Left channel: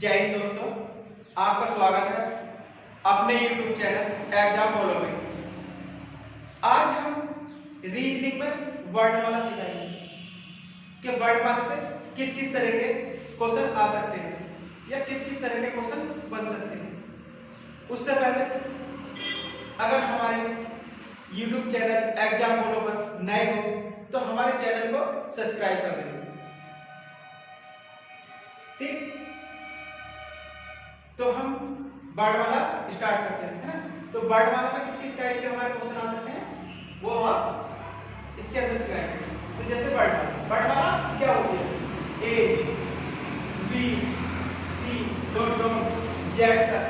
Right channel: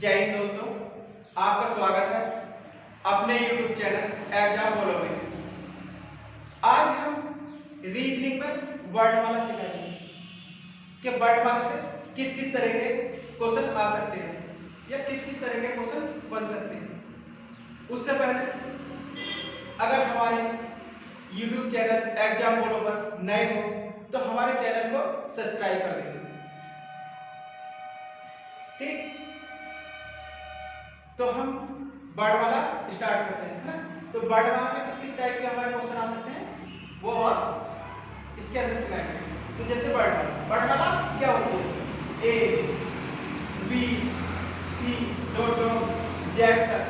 जय हिंद दोस्तों, आपका स्वागत है अपने YouTube चैनल एग्जाम फॉलो में। आज हम रीजनिंग में वर्णमाला सीखेंगे कि वर्णमाला से किस किस तरह के क्वेश्चन आ सकते हैं या किस किस तरह के क्वेश्चन बन सकते हैं। उससे पहले अगर हमारे YouTube चैनल एग्जाम फॉलो पर नए हो तो हमारे चैनल को सब्सक्राइब कर लें। ठीक, तो हम वर्णमाला स्टार्ट करते हैं, है ना। तो वर्णमाला में किस किस टाइप के हमारे क्वेश्चन आ सकते हैं वो आप इसके अंदर सिखाएंगे। तो जैसे वर्णमाला क्या होती है, A B C dot dot Z तक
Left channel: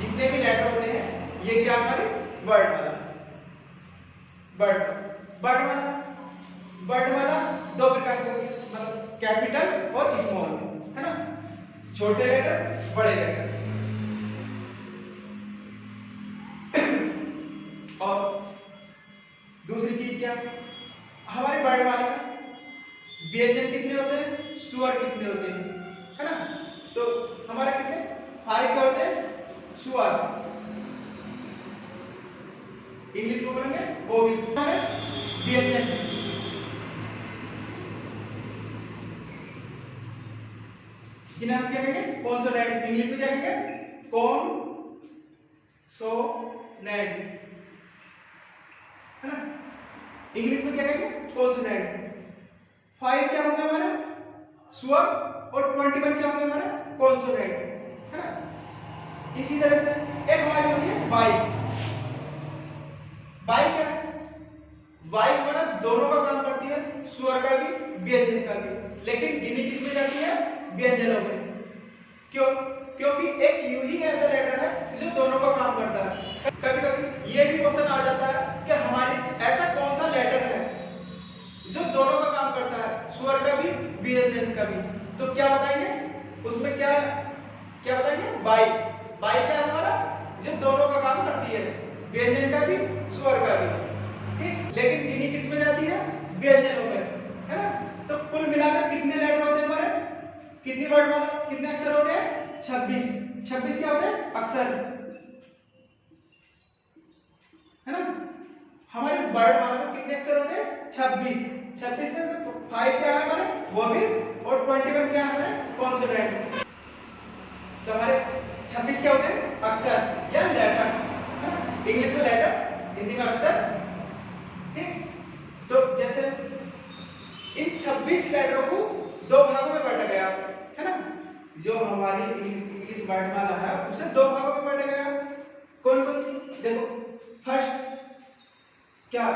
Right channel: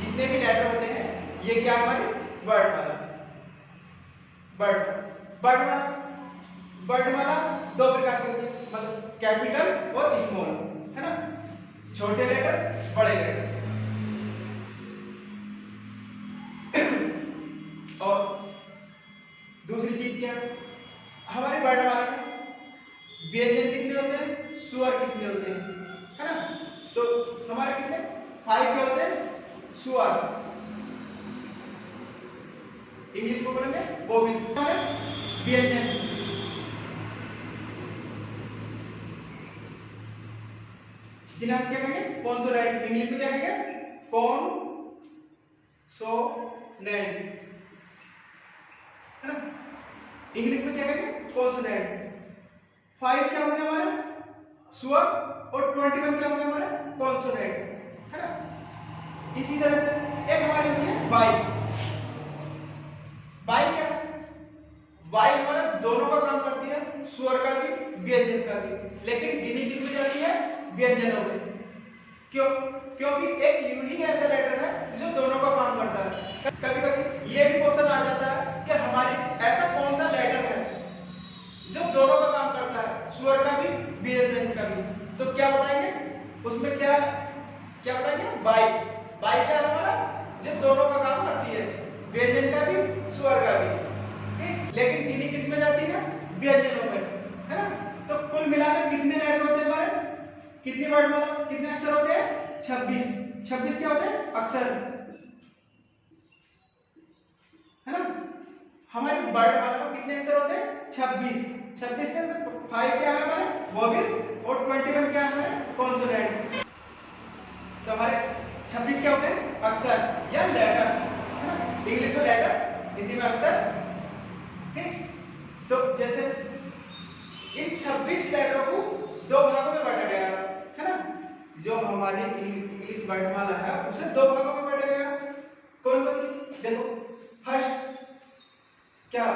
जितने भी लेटर होते हैं ये क्या हमारी वर्णमाला। वर्णमाला दो प्रकार की होती है, मतलब कैपिटल और स्मॉल, है ना। छोटे लेटर बड़े लेटर। और दूसरी चीज क्या, हमारी वर्णमाला में व्यंजन कितने होते हैं, स्वर कितने होते हैं, है ना। तो हमारे कितने 5 क्या होते हैं, स्वर। इंग्लिश को बोलेंगे वोवेल्स। व्यंजन जिन्हें हम क्या कहेंगे कॉन्सोनेंट, इंग्लिश में क्या कहेंगे कॉन्सोनेंट, है ना। इंग्लिश में क्या कहेंगे कॉन्सोनेंट। 5 क्या होंगे हमारे स्वर और 21 क्या होंगे हमारे कॉन्सोनेंट, है ना। इसी तरह से एक हमारी होती है वाई। वाई क्या है, वाई हमारा दोनों का काम करती है, स्वर का भी व्यंजन का भी, लेकिन गिनी किस में जाती है, व्यंजनों में। क्यों, क्योंकि एक यू ही ऐसा लेटर है जो दोनों का काम करता है। कभी कभी ये भी क्वेश्चन आ जाता है कि हमारी ऐसा कौन सा लेटर है जो दोनों का काम करता है, स्वर का भी व्यंजन का भी। तो क्या बताएंगे उसमें, क्या क्या बताएंगे, बाई। बाई क्या है हमारा, जो दोनों का काम करती है, व्यंजन का भी स्वर का भी। ठीक, लेकिन गिनी किस में जाती है, व्यंजनों में, है ना। तो कुल मिलाकर कितने लेटर होते हैं हमारे, कितनी वर्णमाला, कितने अक्षर होते हैं, 26। 26 क्या होते हैं अक्षर, है ना। हमारी वर्णमाला में कितने अक्षर होते हैं, 26। 26 के अंदर 5 क्या है हमारे वोवेल्स और 21 क्या है हमारे कॉन्सोनेंट। तो हमारे 26 क्या होते हैं अक्षर या लेटर, इंग्लिश में लेटर, हिंदी में अक्षर। ठीक, तो जैसे इन 26 लेटरों को दो भागों में बांटा गया, है ना। जो हमारी इंग्लिश वर्णमाला है उसे दो भागों में बांटा गया। कौन कौन सी, देखो फर्स्ट क्या,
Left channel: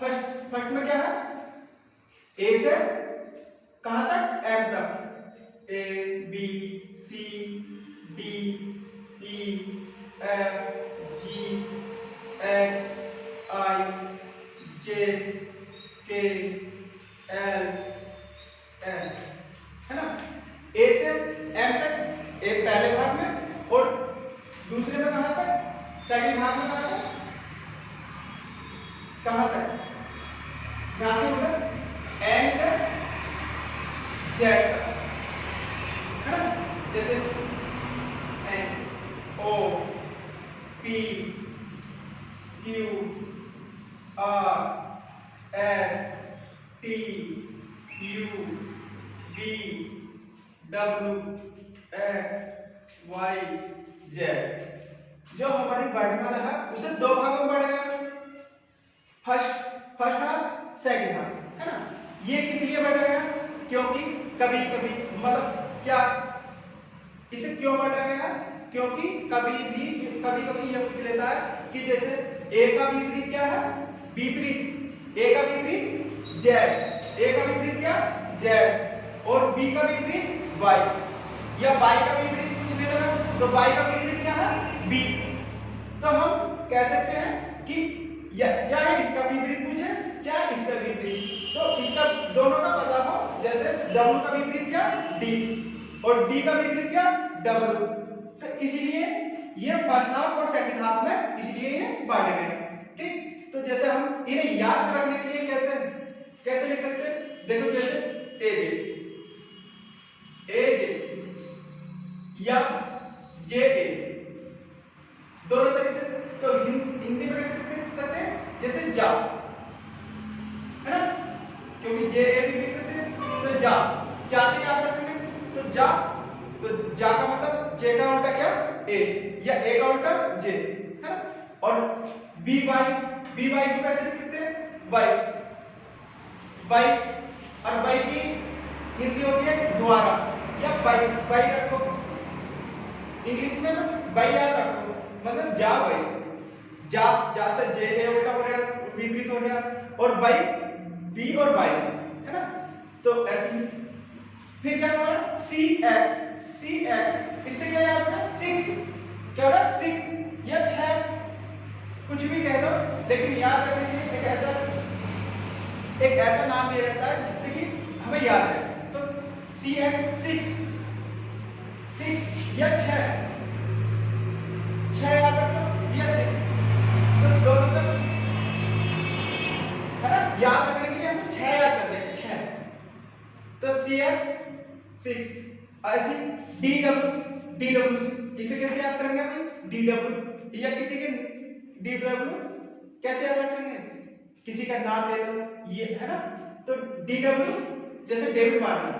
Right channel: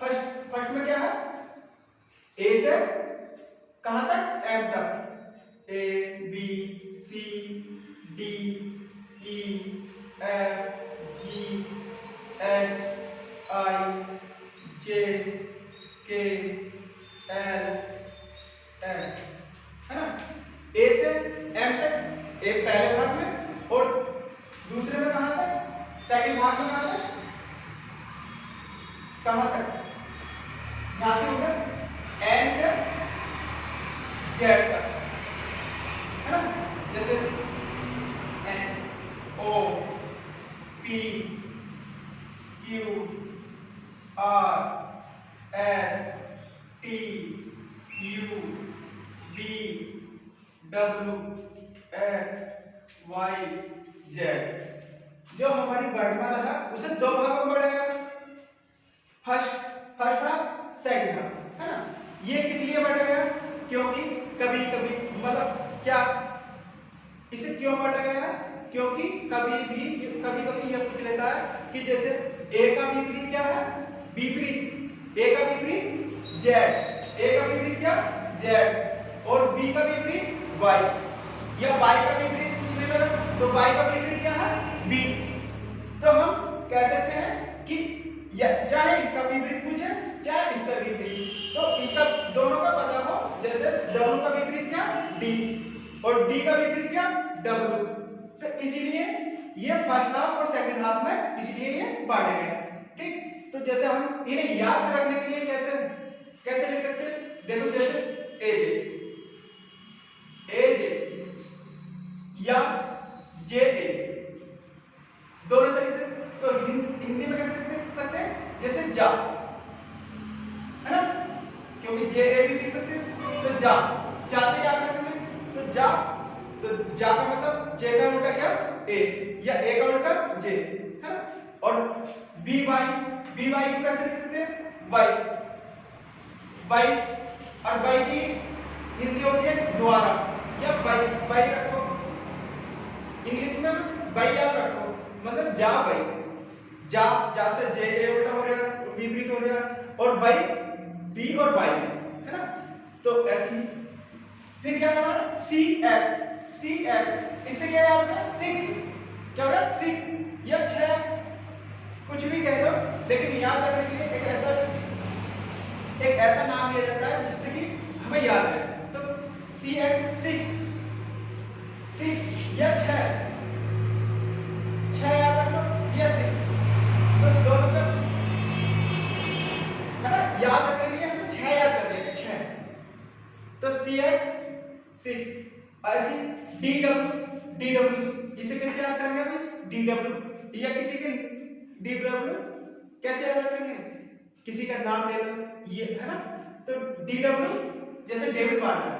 फर्स्ट में क्या है, ए से कहां तक, एम तक, A B C D E F G H I J K L M, है ना। ए से एम तक एक पहले भाग में और दूसरे में कहां तक, सेकंड भाग में कहां तक, यहां से होगा एन से जेड तक, है ना। जैसे N O P Q R S T U V W X Y Z. जो हमारी वर्णमाला है उसे दो भागों में बांटा गया, फर्स्ट हाफ, सेकंड हाफ, है ना। ये किस लिए बांटा गया, क्योंकि कभी कभी, मतलब क्या, इसे क्यों बांटा गया, क्योंकि कभी कभी यह पूछ लेता है कि जैसे ए का विपरीत क्या है, विपरीत, ए का विपरीत जेड, ए का विपरीत क्या जेड, और बी का विपरीत वाई, या वाई का विपरीत पूछने लगा तो वाई का विपरीत क्या है, बी। तो हम कह सकते हैं कि चाहे इसका विपरीत पूछे चाहे इसका विपरीत, तो इसका दोनों का पता हो, जैसे डब्ल्यू का विपरीत क्या, डी, और डी का विपरीत क्या, डब्ल्यू। तो इसीलिए ये फर्स्ट हाफ और सेकंड हाफ में इसलिए ये बांटे गए। ठीक, तो जैसे हम इन्हें याद रखने के लिए कैसे कैसे लिख सकते हैं, देखो जैसे ए जे या जे ए, दोनों तरीके से। तो हिंदी में कैसे लिख सकते हैं, जैसे जा, है ना, क्योंकि जे ए भी लिख सकते हैं। तो जा से याद रखेंगे, तो जा का मतलब जे का उल्टा क्या, ए, या ए का उल्टा जे, है ना। और बी वाई को कैसे लिख सकते हैं, बाई, और बाई की हिंदी होती है द्वारा, या बाई रखो, इंग्लिश में बस बाई याद रखो, मतलब जा बाई, जा से जे ए उल्टा हो रहा है, विपरीत हो रहा है, और बाई बी और बाई, है ना। तो ऐसे फिर क्या होगा, सी एक्स, इससे क्या याद है, 6, क्या हो रहा है, 6 या 6, कुछ भी कह लो, लेकिन याद रखने के लिए एक ऐसा नाम लिया जाता है जिससे कि हमें याद रहे। तो सी एक्स 6 या 6 याद रखो, या 6, तो दोनों का, है ना, याद रखने के लिए हमें 6 याद कर देंगे, 6। तो सी एक्स 6, ऐसी डी डब्ल्यू, इसे कैसे याद करेंगे अभी, डी डब्ल्यू, या किसी के डी डब्ल्यू कैसे याद रखेंगे, किसी का नाम ले लो, ये, है ना। तो डी डब्ल्यू जैसे डेविड वार्नर,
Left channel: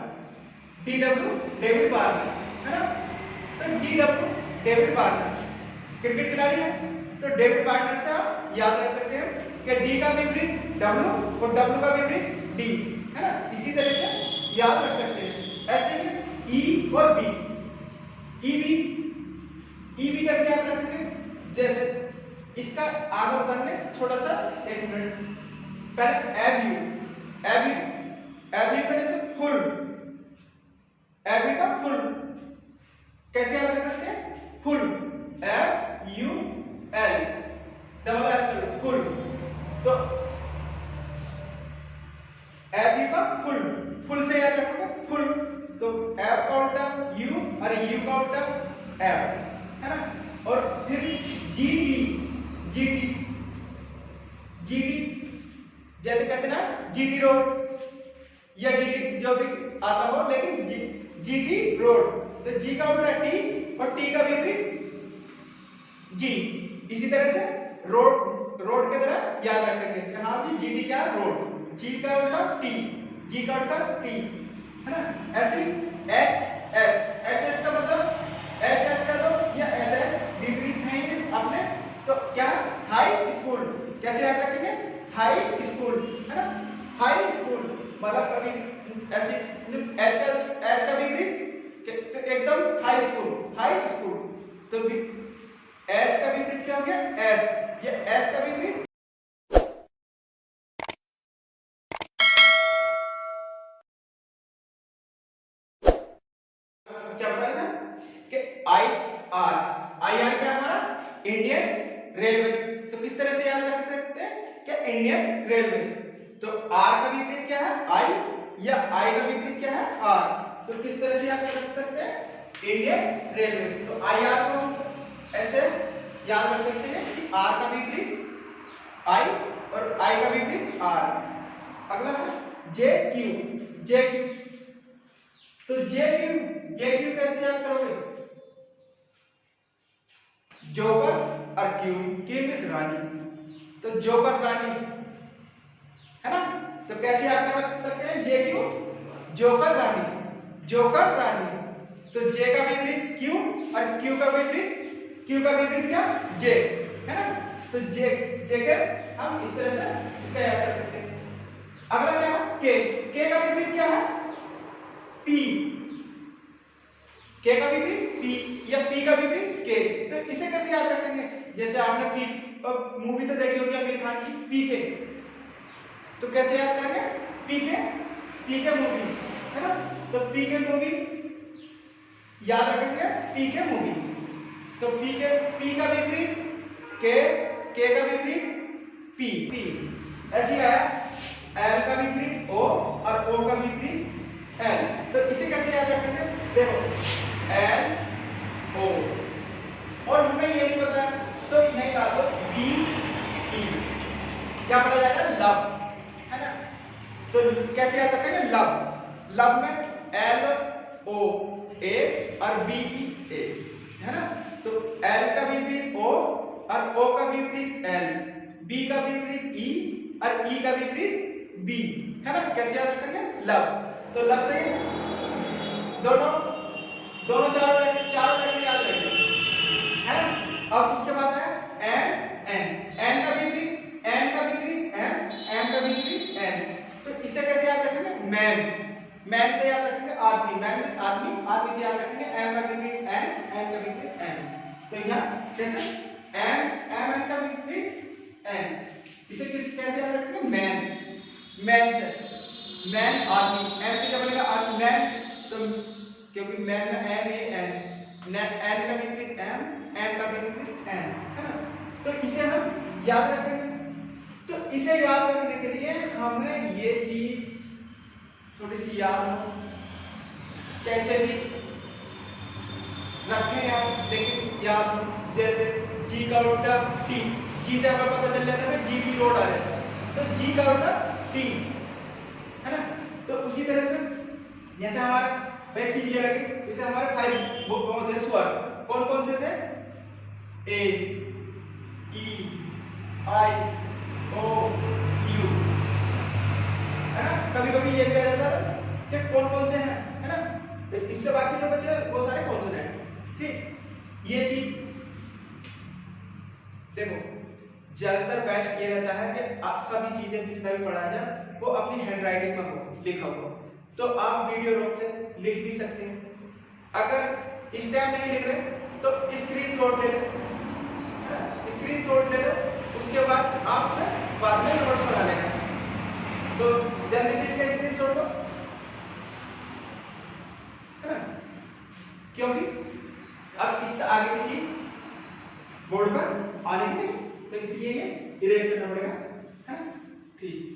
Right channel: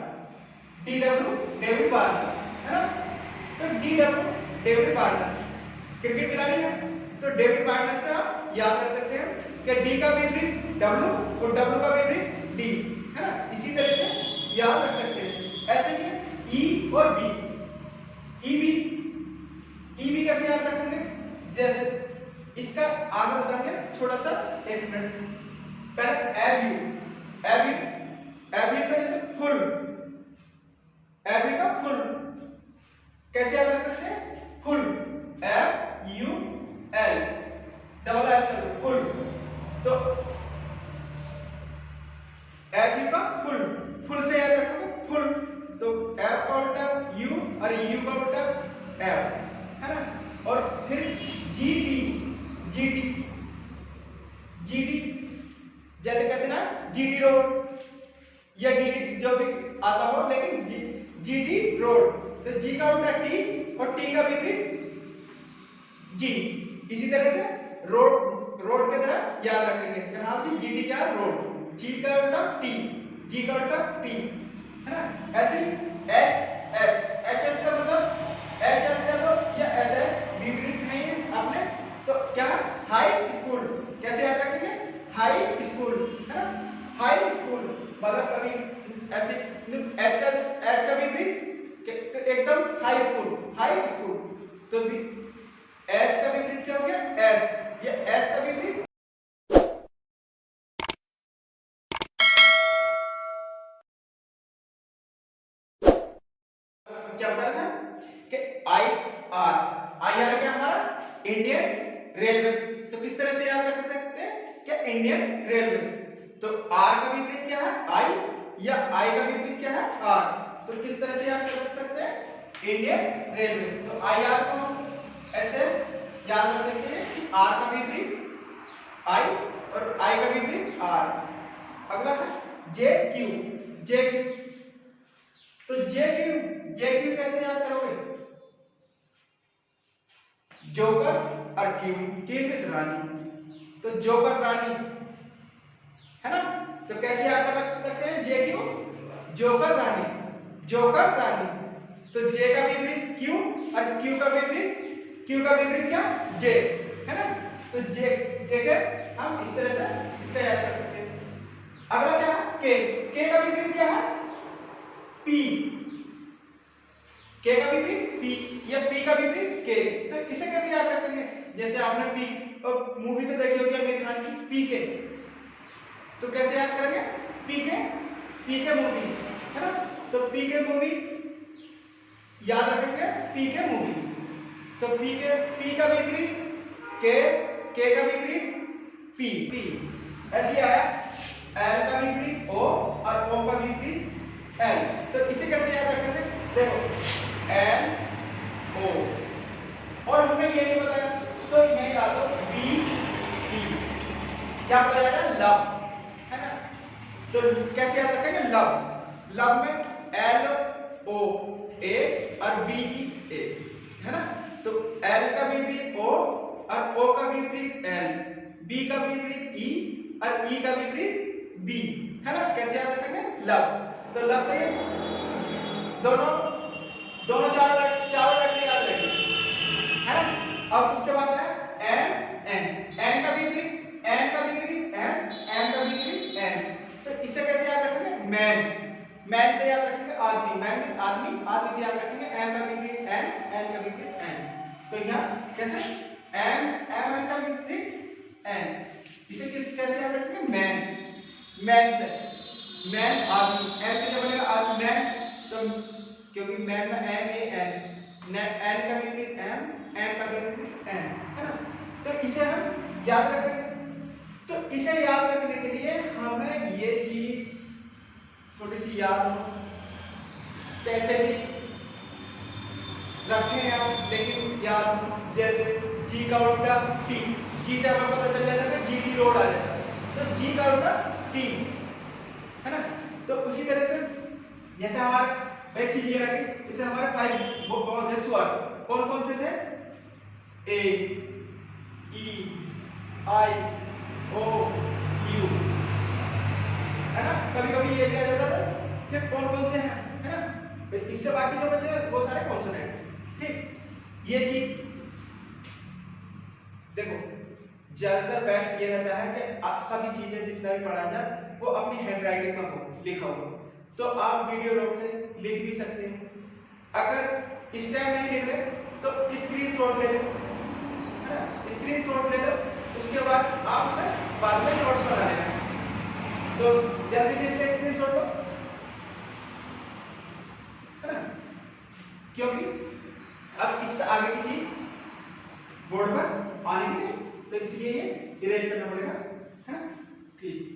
डेविड वार्नर, है ना। तो D W David Warner cricket खिलाड़ी है, तो डेविड वार्नर से आप याद रख सकते हैं कि डी का विपरीत डब्ल्यू और डब्ल्यू का विपरीत डी, है ना। इसी तरह से याद रख सकते हैं। ऐसे ही ई और बी, ईबी कैसे याद रखेंगे, जैसे इसका आगे बताएंगे थोड़ा सा, 1 मिनट पहले एबयू का जैसे फुल, एबयू का फुल कैसे याद रख सकते हैं, full, FUL, double L, full. तो एबयू का फुल से याद रखोगे, फुल, तो एफ का उल्टा यू और यू का उल्टा एफ, है ना। और फिर जीटी जैसे कहते ना, जीटी रोड या डीटी जो भी आता हो, लेकिन जीटी रोड, तो जी का उल्टा टी और टी का विपरीत जी। इसी तरह से रोड के तरह याद रखेंगे कि हाँ जी, जीटी क्या है, रोड, जी का उल्टा टी, जी का उल्टा टी, है ना। ऐसे एच एस का मतलब, एच एस का तो या ऐसे विपरीत है अपने, तो क्या, हाई स्कूल, कैसे याद रखेंगे, हाई स्कूल, है ना। हाई स्कूल मतलब कभी ऐसे एच का विपरीत तो एकदम हाई स्कूल, तो एच का विपरीत क्या हो गया, एस, या एस का विपरीत क्या बता रहे थे कि आई आर क्या हमारा, इंडियन रेलवे। तो किस तरह से याद रख सकते हैं क्या, इंडियन रेलवे। तो आर का विपरीत क्या है, आई, या आई का विपरीत क्या है, आर। तो किस तरह से याद रख सकते हैं, इंडियन रेलवे। तो आई आर को हम ऐसे याद रख सकते हैं कि आर का विपरीत आई और आई का विपरीत आर। अगला है जे क्यू। तो जे क्यू कैसे याद करोगे, जोकर और क्वीन मींस रानी, तो जोकर रानी, है ना। तो कैसे याद कर सकते हैं, जे क्यू, जोकर रानी। तो जे का विपरीत क्यू और क्यू का विपरीत क्या, जे, है ना। तो जे के हम इस तरह से इसका याद कर सकते हैं। अगला क्या है, के का विपरीत क्या है, पी, के का विपरीत पी या पी का विपरीत के। तो इसे कैसे याद रखेंगे, जैसे आपने पी मूवी तो देखी होगी आमिर खान की, पी के, तो कैसे याद करेंगे, पी के मूवी, है ना। तो पी के मूवी याद रखेंगे, पी के मूवी। तो पी का विपरीत के का विपरीत पी। ऐसे आया, एल का विपरीत ओ और ओ का विपरीत एल। तो इसे कैसे याद रखेंगे, देखो एल ओ, और हमने ये नहीं बताया तो नहीं डाल दो डी टी, क्या बोला जाएगा, लव, है ना। तो कैसे याद रखेंगे, लव में एल ओ ए और बी ई ए, और ओ का विपरीत एल, बी का विपरीत ई और ई का विपरीत बी, है ना। कैसे याद रखेंगे? लव। तो लव से दोनों दोनों चारों लेटर याद रखेंगे, है ना। अब उसके बाद है एम एन, एन का विपरीत एन का विपरीत एम, एम का विपरीत एन। तो इसे कैसे याद रखेंगे? मैन, मैन से याद रखेंगे आदमी, मैन मींस आदमी, आदमी से याद रखेंगे एम का विपरीत एन, एन का विपरीत एन। तो यहाँ कैसे एम, एम एन का विपरीत एन, इसे कैसे याद रखेंगे? मैन, मैन से मैन आदमी, एम से क्या बनेगा? आदमी, मैन। तो क्योंकि मैन में एम ए एन, एन का विपरीत एम, एम का विपरीत एन, है ना। तो इसे हम याद रखेंगे। तो इसे याद रखने के लिए हमें ये चीज थोड़ी सी याद हो, कैसे भी रखें आप, लेकिन याद हो। जैसे जी का उल्टा टी, जी से हमें पता चल जाता है कि जी की रोड आ जाता है, तो जी का उल्टा टी, है ना। तो उसी तरह से जैसे हमारे एक चीज ये लगी, जैसे हमारे 5 वो बहुत है स्वर, कौन कौन से थे? ए, ई, आई, ओ, यू, है ना। कभी कभी ये कहा जाता है कि कौन कौन से हैं, है ना। तो इससे बाकी जो बचे वो सारे कॉन्सोनेंट, ठीक। ये चीज देखो, ज्यादातर बेस्ट ये रहता है कि आप सभी चीजें जितना भी पढ़ाया जाए वो अपनी हैंडराइटिंग में हो, लिखा हो। तो आप वीडियो रोक के लिख भी सकते हैं। अगर इस टाइम नहीं लिख रहे तो स्क्रीनशॉट ले लो, है ना। स्क्रीनशॉट ले लो, उसके बाद आप उसे बाद में नोट्स बना लेना। तो जल्दी से इसका स्क्रीनशॉट लो, है ना, क्योंकि अब इससे आगे की चीज बोर्ड पर आने के लिए, तो इसलिए ये इरेज करना पड़ेगा, है ना। ठीक,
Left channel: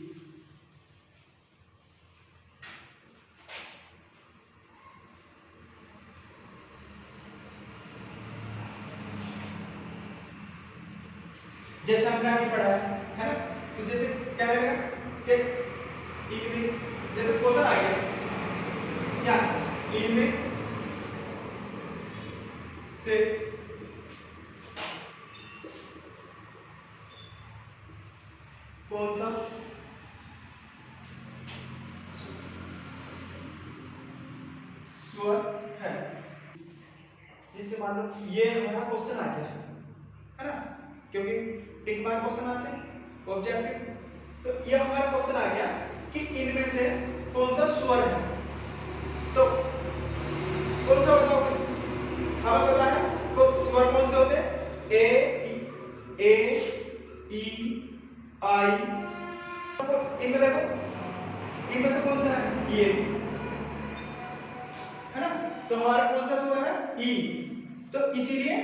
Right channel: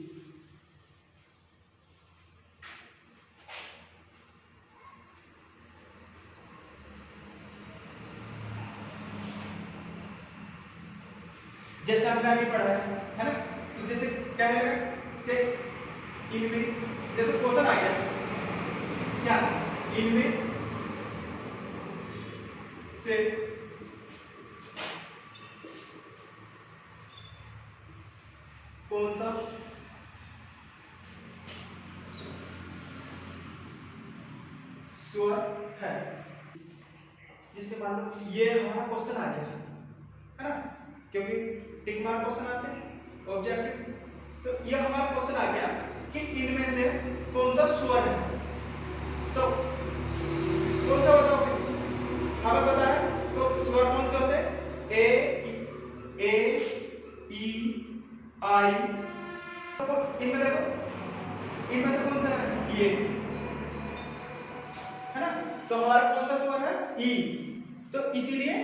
जैसे हमने अभी पढ़ा है ना। तो जैसे क्या रहेगा कि इनमें जैसे क्वेश्चन आ गया क्या, इनमें से कौन सा स्वर है। जिससे मान लो ये हमारा क्वेश्चन आ गया, है ना, क्योंकि टिक मार्क क्वेश्चन आते हैं ऑब्जेक्टिव। तो ये हमारा क्वेश्चन आ गया कि इनमें से कौन सा स्वर है। तो कौन सा बताओ? हमें पता है स्वर कौन से होते हैं? ए, ई, आई। तो इनमें देखो, इनमें से कौन सा है? ये, है ना। तो हमारा कौन सा स्वर है? ई। तो इसीलिए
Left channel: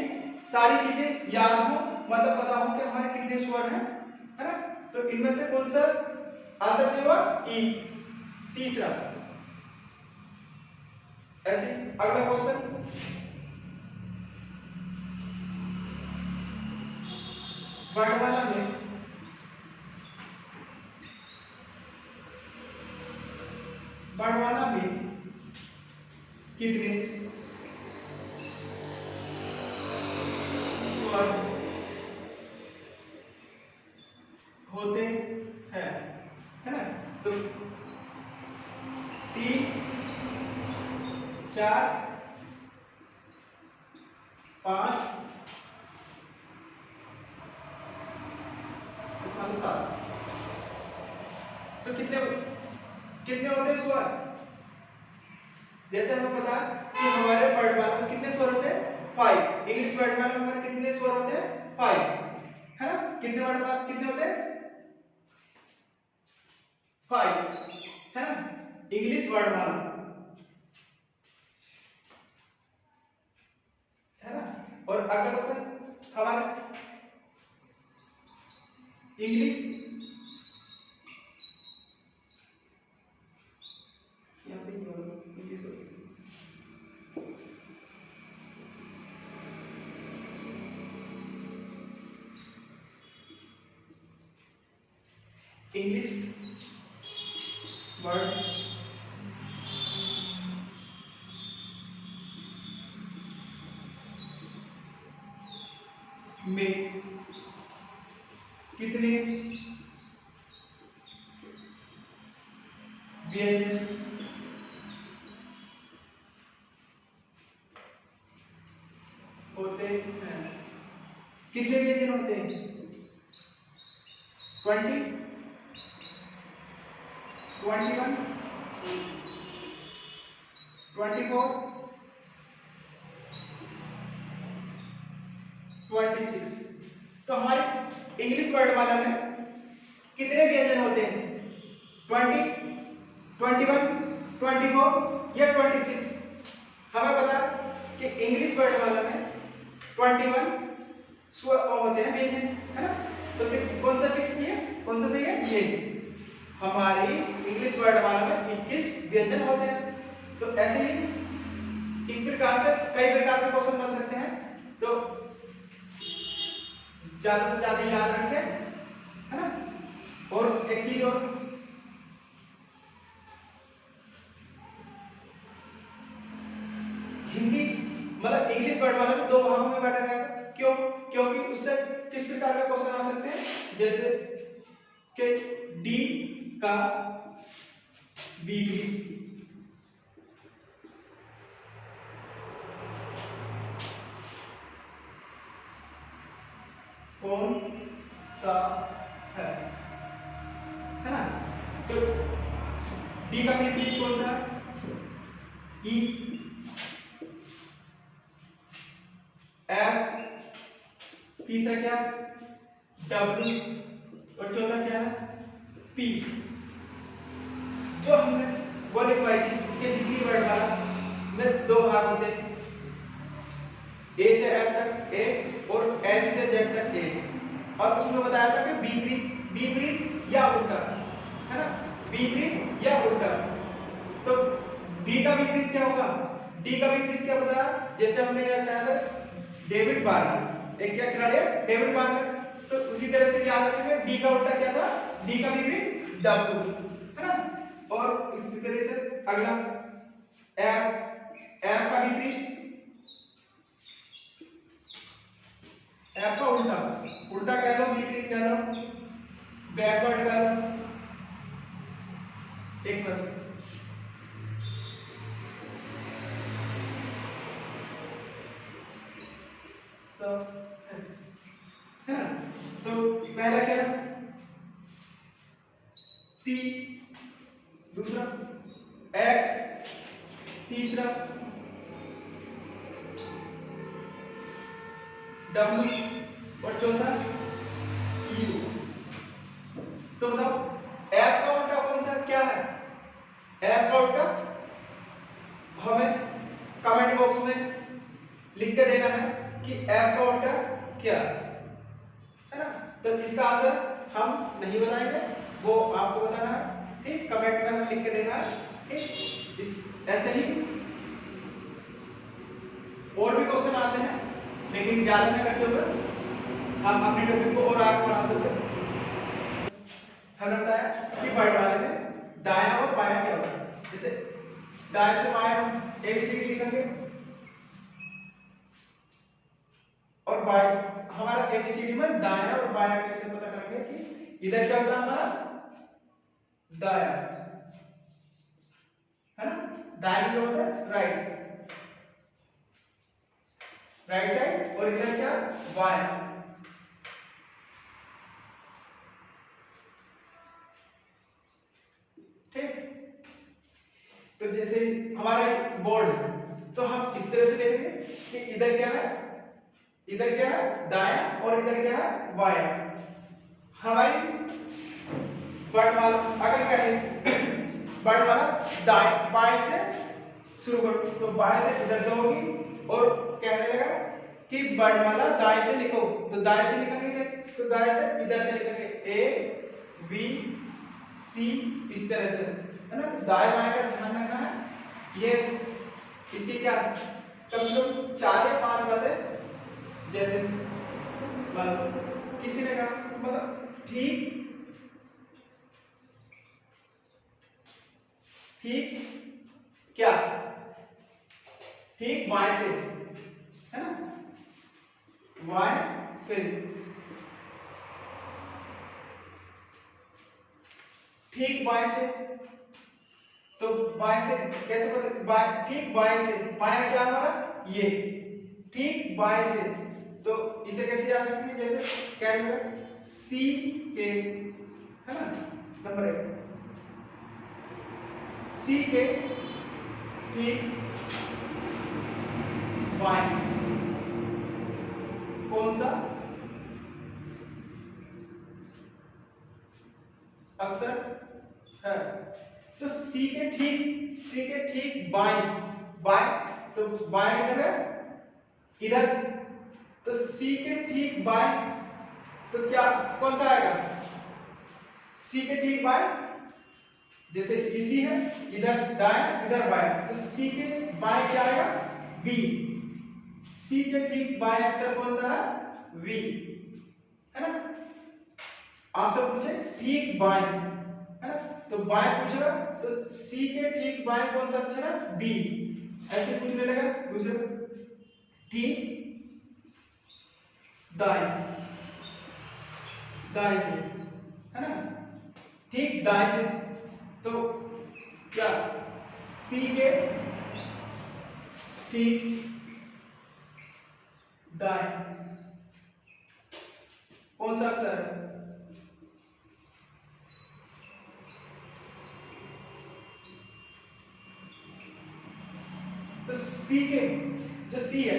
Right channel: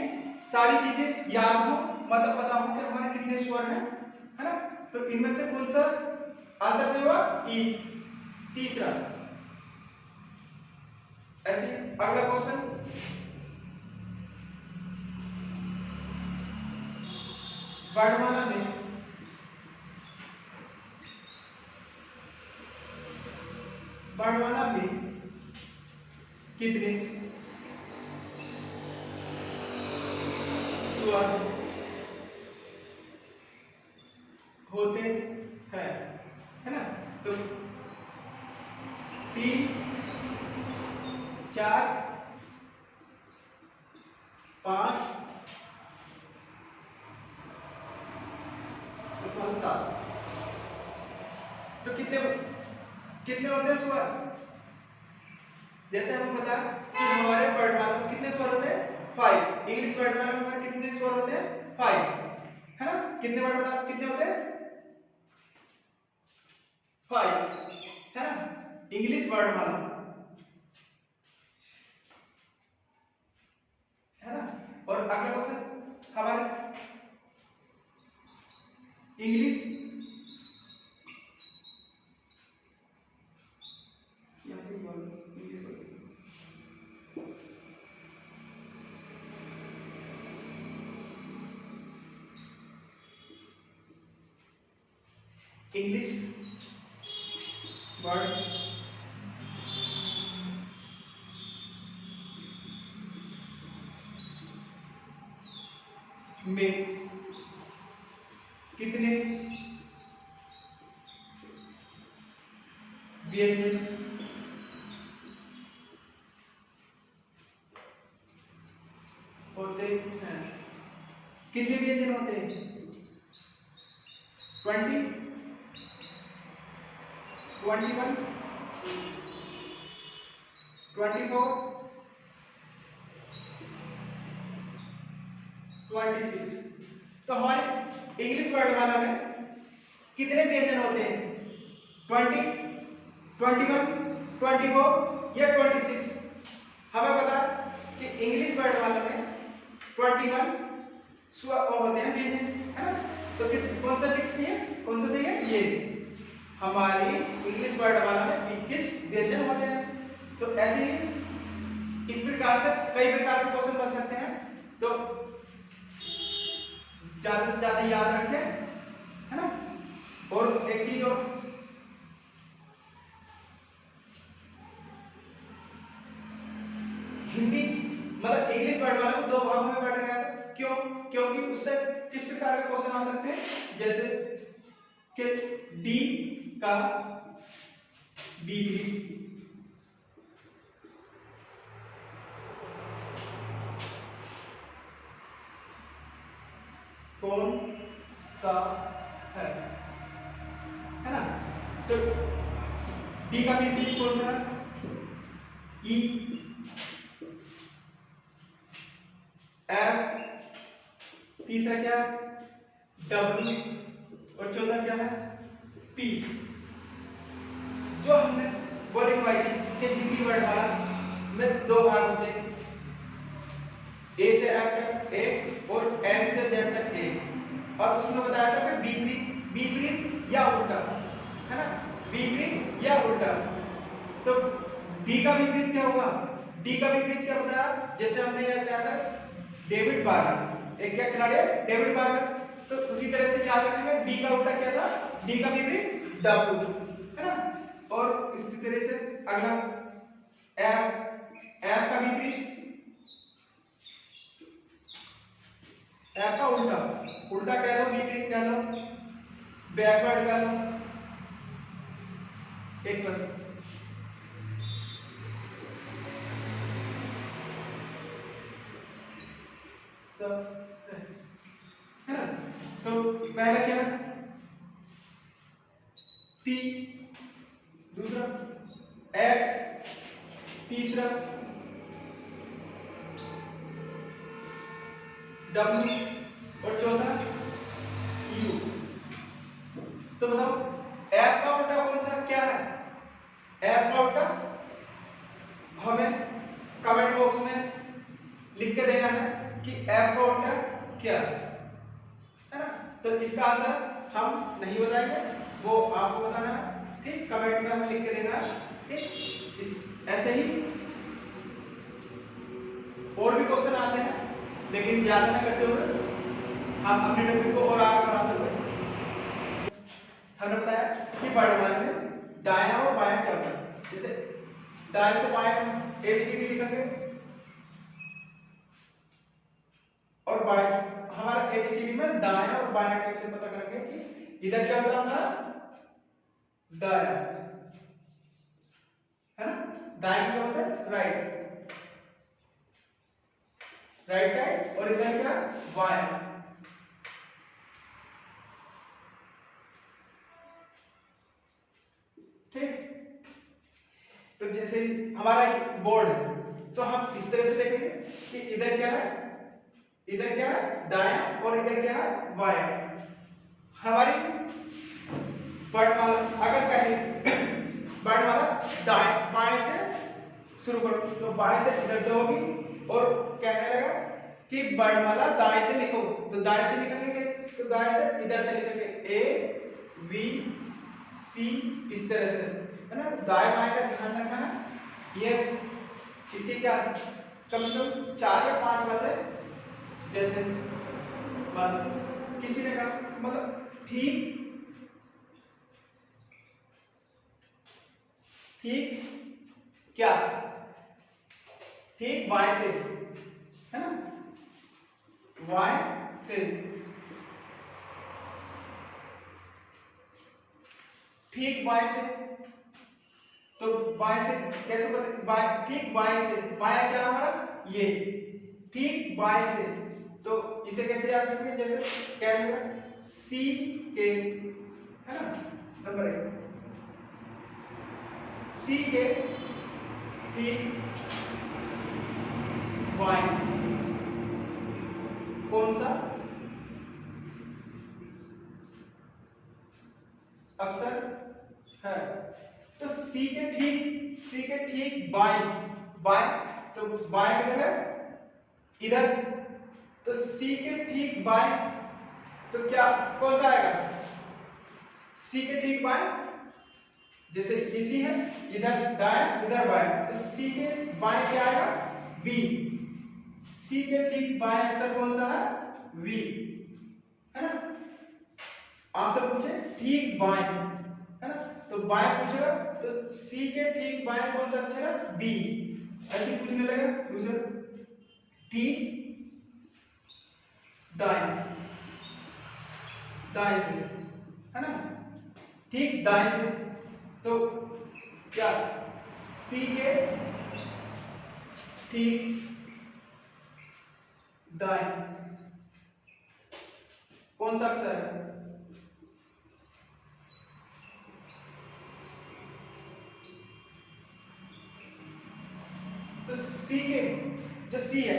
सारी चीजें याद हो, मतलब पता हो कि हमारे कितने स्वर हैं, है ना। तो इनमें से कौन सा आंसर से हुआ? ई, तीसरा। ऐसे अगला क्वेश्चन, वर्णमाला में कितने स्वर होते हैं, है ना। तो 3, 4, 5, 7। तो कितने कितने होते हैं स्वर? जैसे हमें पता कि हमारे वर्णमाला में कितने स्वर होते हैं? 5। इंग्लिश वर्णमाला में हमारे कितने स्वर होते हैं? 5, है ना। कितने वर्णमाला कितने होते हैं? 5, है ना, इंग्लिश वर्णमाला, है ना। और अगला क्वेश्चन हमारे इंग्लिश, यहाँ पे इंग्लिश इंग्लिश वर्ड में कितने व्यंजन होते हैं? कितने व्यंजन होते हैं? 20, 21, 24, 26। तो हमारे इंग्लिश वर्ड वाला में कितने व्यंजन होते हैं? 20, 21, 24 या 26? हमें पता है कि इंग्लिश वर्ड वाला में 21 स्वर होते हैं व्यंजन, है ना? तो कौन सा फिक्स है, कौन सा सही है? ये हमारी इंग्लिश वर्ड वाला में 21 व्यंजन होते हैं। तो ऐसे ही इस प्रकार से कई प्रकार के क्वेश्चन बन सकते हैं। तो ज्यादा से ज्यादा याद रखें, है ना? और एक चीज और, हिंदी मतलब इंग्लिश वर्ड वाला में दो भागों में बांटा गया था। क्यों? क्योंकि उससे किस प्रकार का क्वेश्चन आ सकते हैं, जैसे कि डी का विपरीत कौन सा है ना? तो डी का विपरीत कौन सा? ई। एफ। तीसरा क्या? डब्ल्यू। और चौथा क्या है? पी। जो हमने वो लिखवाई थी कि हिंदी वर्ड वाला में दो भाग होते हैं, ए से एफ तक ए और एन से जेड तक ए। और उसमें बताया था कि विपरीत, विपरीत या उल्टा, है ना? विपरीत या उल्टा। तो डी का विपरीत क्या होगा? डी का विपरीत क्या बताया? जैसे हमने यह कहा था डेविड बार्ली, एक क्या खिलाड़ी है? David barley. तो उसी तरह से क्या करेंगे, डी का उल्टा क्या था? डी का विपरीत डब्ल्यू, है ना? और इसी तरह से अगला एफ। एफ का विपरीत, एफ का उल्टा, उल्टा कह लो, विपरीत कह लो, बैकवर्ड कह लो, एक बार सब, है ना? तो पहला क्या है? पी, दूसरा एक्स, तीसरा डब्ल्यू और चौथा यू। तो बताओ एफ का उल्टा कौन सा क्या है? एफ का उल्टा हमें कमेंट बॉक्स में लिख के देना है कि एफ का उल्टा क्या है ना? तो इसका आंसर हम नहीं बताएंगे, वो आपको बताना है, ठीक? कमेंट में हमें लिख के देना है, ठीक? इस ऐसे ही और भी क्वेश्चन आते हैं, लेकिन ज्यादा नहीं करते हुए हम अपने टॉपिक को और आगे बढ़ाते हुए हमने बताया कि वर्णमाला में दायां और बायां क्या होता है। जैसे दाएं से बाएं हम एबीसीडी लिखेंगे और बाएं, हमारा एबीसीडी में दायां और बायां कैसे पता करेंगे कि इधर क्या होता है? हमारा दायां, है ना? दायां क्या होता है? Right, right side. और इधर क्या? बायां। ठीक। तो जैसे हमारा बोर्ड है तो हम इस तरह से देखेंगे कि इधर क्या है, इधर क्या है? दायां, और इधर क्या है? बायां। हमारी वर्णमाला अगर कहें वर्णमाला दाएं बाएं से शुरू करो तो बाएं से इधर से होगी, और कहने लगा कि वर्णमाला दाएं से लिखो तो दाएं से लिखेंगे, तो दाएं से इधर से लिखेंगे ए बी सी, इस तरह से, है ना? तो दाएं बाएं का ध्यान रखना है। ये इसके क्या कम से कम 4 या 5 बातें, जैसे किसी ने कहा मतलब ठीक, ठीक क्या? ठीक बाएं से, है ना? बाएं से, ठीक बाएं से, तो बाएं से कैसे बोलते, बाएं, ठीक बाएं से, बायां क्या हमारा ये, ठीक बाएं से, तो इसे कैसे याद रखेंगे, जैसे क्या मिलेगा सी के, है ना, नंबर 1 सी के ठीक बाएं कौन सा अक्षर है, तो सी के ठीक बाएं, बाएं तो बाएं किधर है, इधर, तो सी के ठीक बाएं, तो क्या कौन सा आएगा, सी के ठीक बाएं, जैसे ये सी है, इधर दाएं इधर बाएं, तो सी के बाएं क्या आएगा, बी, सी के ठीक बाएं अक्षर कौन सा है, वी, है ना। आपसे पूछे ठीक बाएं, है ना, तो बाएं पूछेगा, तो सी के ठीक बाएं कौन सा अक्षर है, बी, ऐसे पूछने लगा दूसरे, ठीक दाएं, दाएं से, है ना, ठीक दाएं से, तो क्या सी के ठीक दाएं कौन सा अक्षर है, तो सी के, जो सी है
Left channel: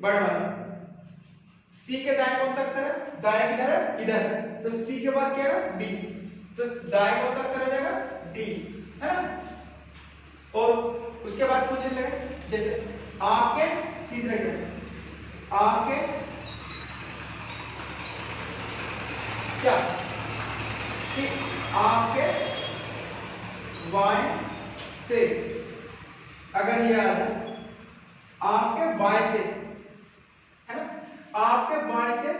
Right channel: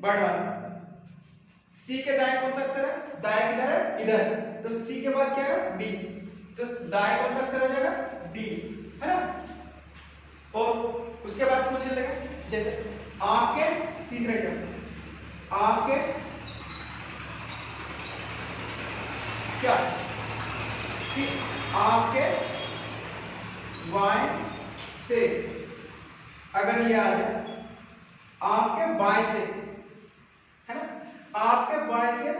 बड़ा वाला, सी के दाएं कौन सा अक्षर है, दाएं किधर है, इधर, तो सी के बाद क्या है, डी, तो दाएं कौन सा अक्षर आ जाएगा, डी, है ना। और उसके बाद पूछने लगे, जैसे आपके, तीसरे का आपके क्या, ठीक आपके बाएं से, अगर ये आ जाए आपके बाएं से, है ना, आपके बाएं से,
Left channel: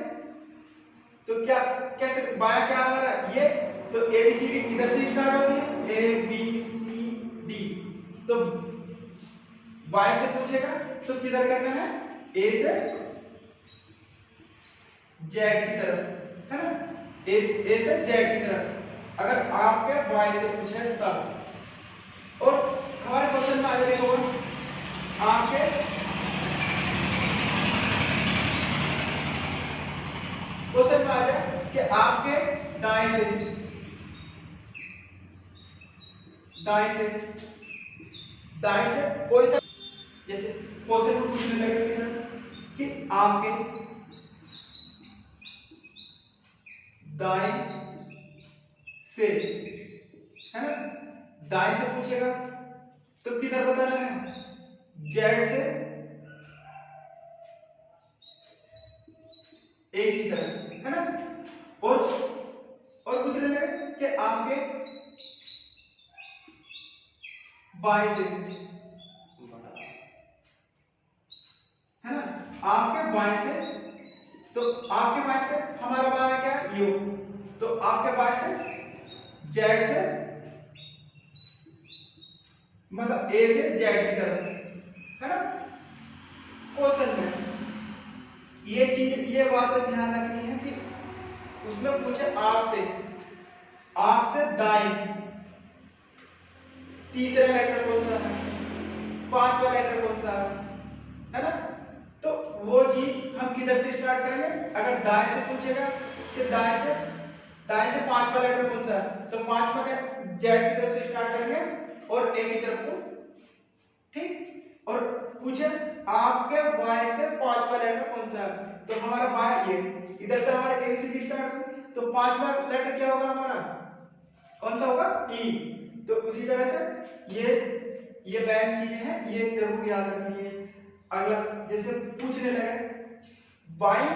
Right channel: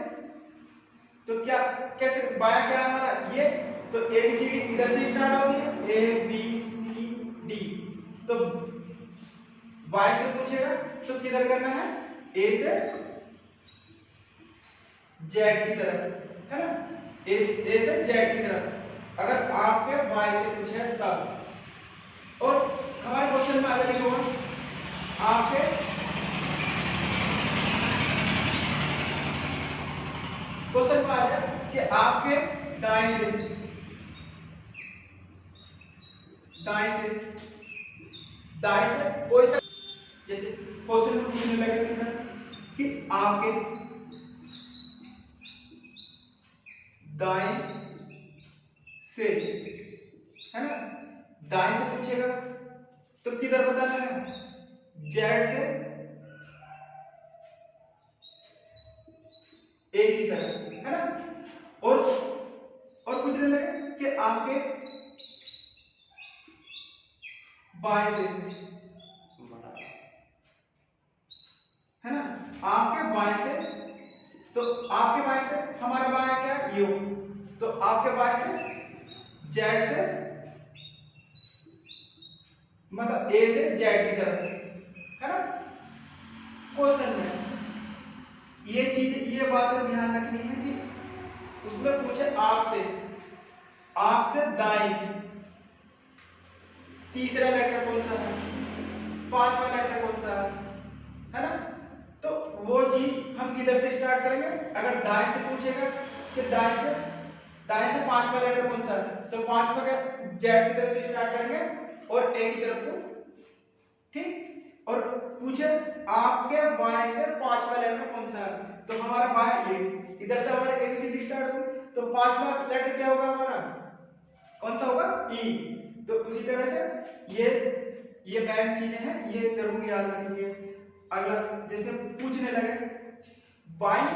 तो क्या कैसे, बाएं क्या हमारा ये, तो ए बी सी डी इधर से स्टार्ट होती है, ए बी सी डी, तो बाएं से पूछेगा तो किधर करना है, ए से जेड की तरफ, है ना, ए से जेड की तरफ, अगर आपके बाएं से पूछे तब। और हमारे क्वेश्चन में आ जाएगा आपके क्वेश्चन में आ जाए कि आपके दाएं से, दाएं से, दाएं से कोई सा, जैसे क्वेश्चन को पूछने लगे सर कि आपके दाएं से, है ना, दाएं से पूछेगा तो किधर बताना है, जेड से ए की तरफ, है ना। और पूछने लगे कि आपके बाएं से, है ना, आपके बाएं से, तो आपके बाएं से हमारा बाएं क्या है, यू, तो आपके बाएं से जेड से, मतलब ए से जेड की तरफ, है ना। क्वेश्चन में ये चीज, ये बातें ध्यान रखनी है कि उसमें पूछे आपसे, आपसे दाएं, तीसरा लेटर कौन सा है, पांचवा लेटर कौन सा है ना, तो वो चीज हम किधर से स्टार्ट करेंगे, अगर दाएं से पूछेगा तो दाएं से पांचवा लेटर कौन सा है, तो पांचवा का जेड की तरफ से स्टार्ट करेंगे और ए की तरफ को, ठीक। और पूछे आपके बाएं से पांचवा लेटर कौन सा है, तो हमारा बाएं ये, इधर से हमारा A B C D start हुई, तो पांचवा लेटर क्या होगा हमारा, कौन सा होगा, ई, तो उसी तरह से ये बैंक चीजें हैं, ये जरूर याद रखनी है। अगला जैसे पूछने लगे बाई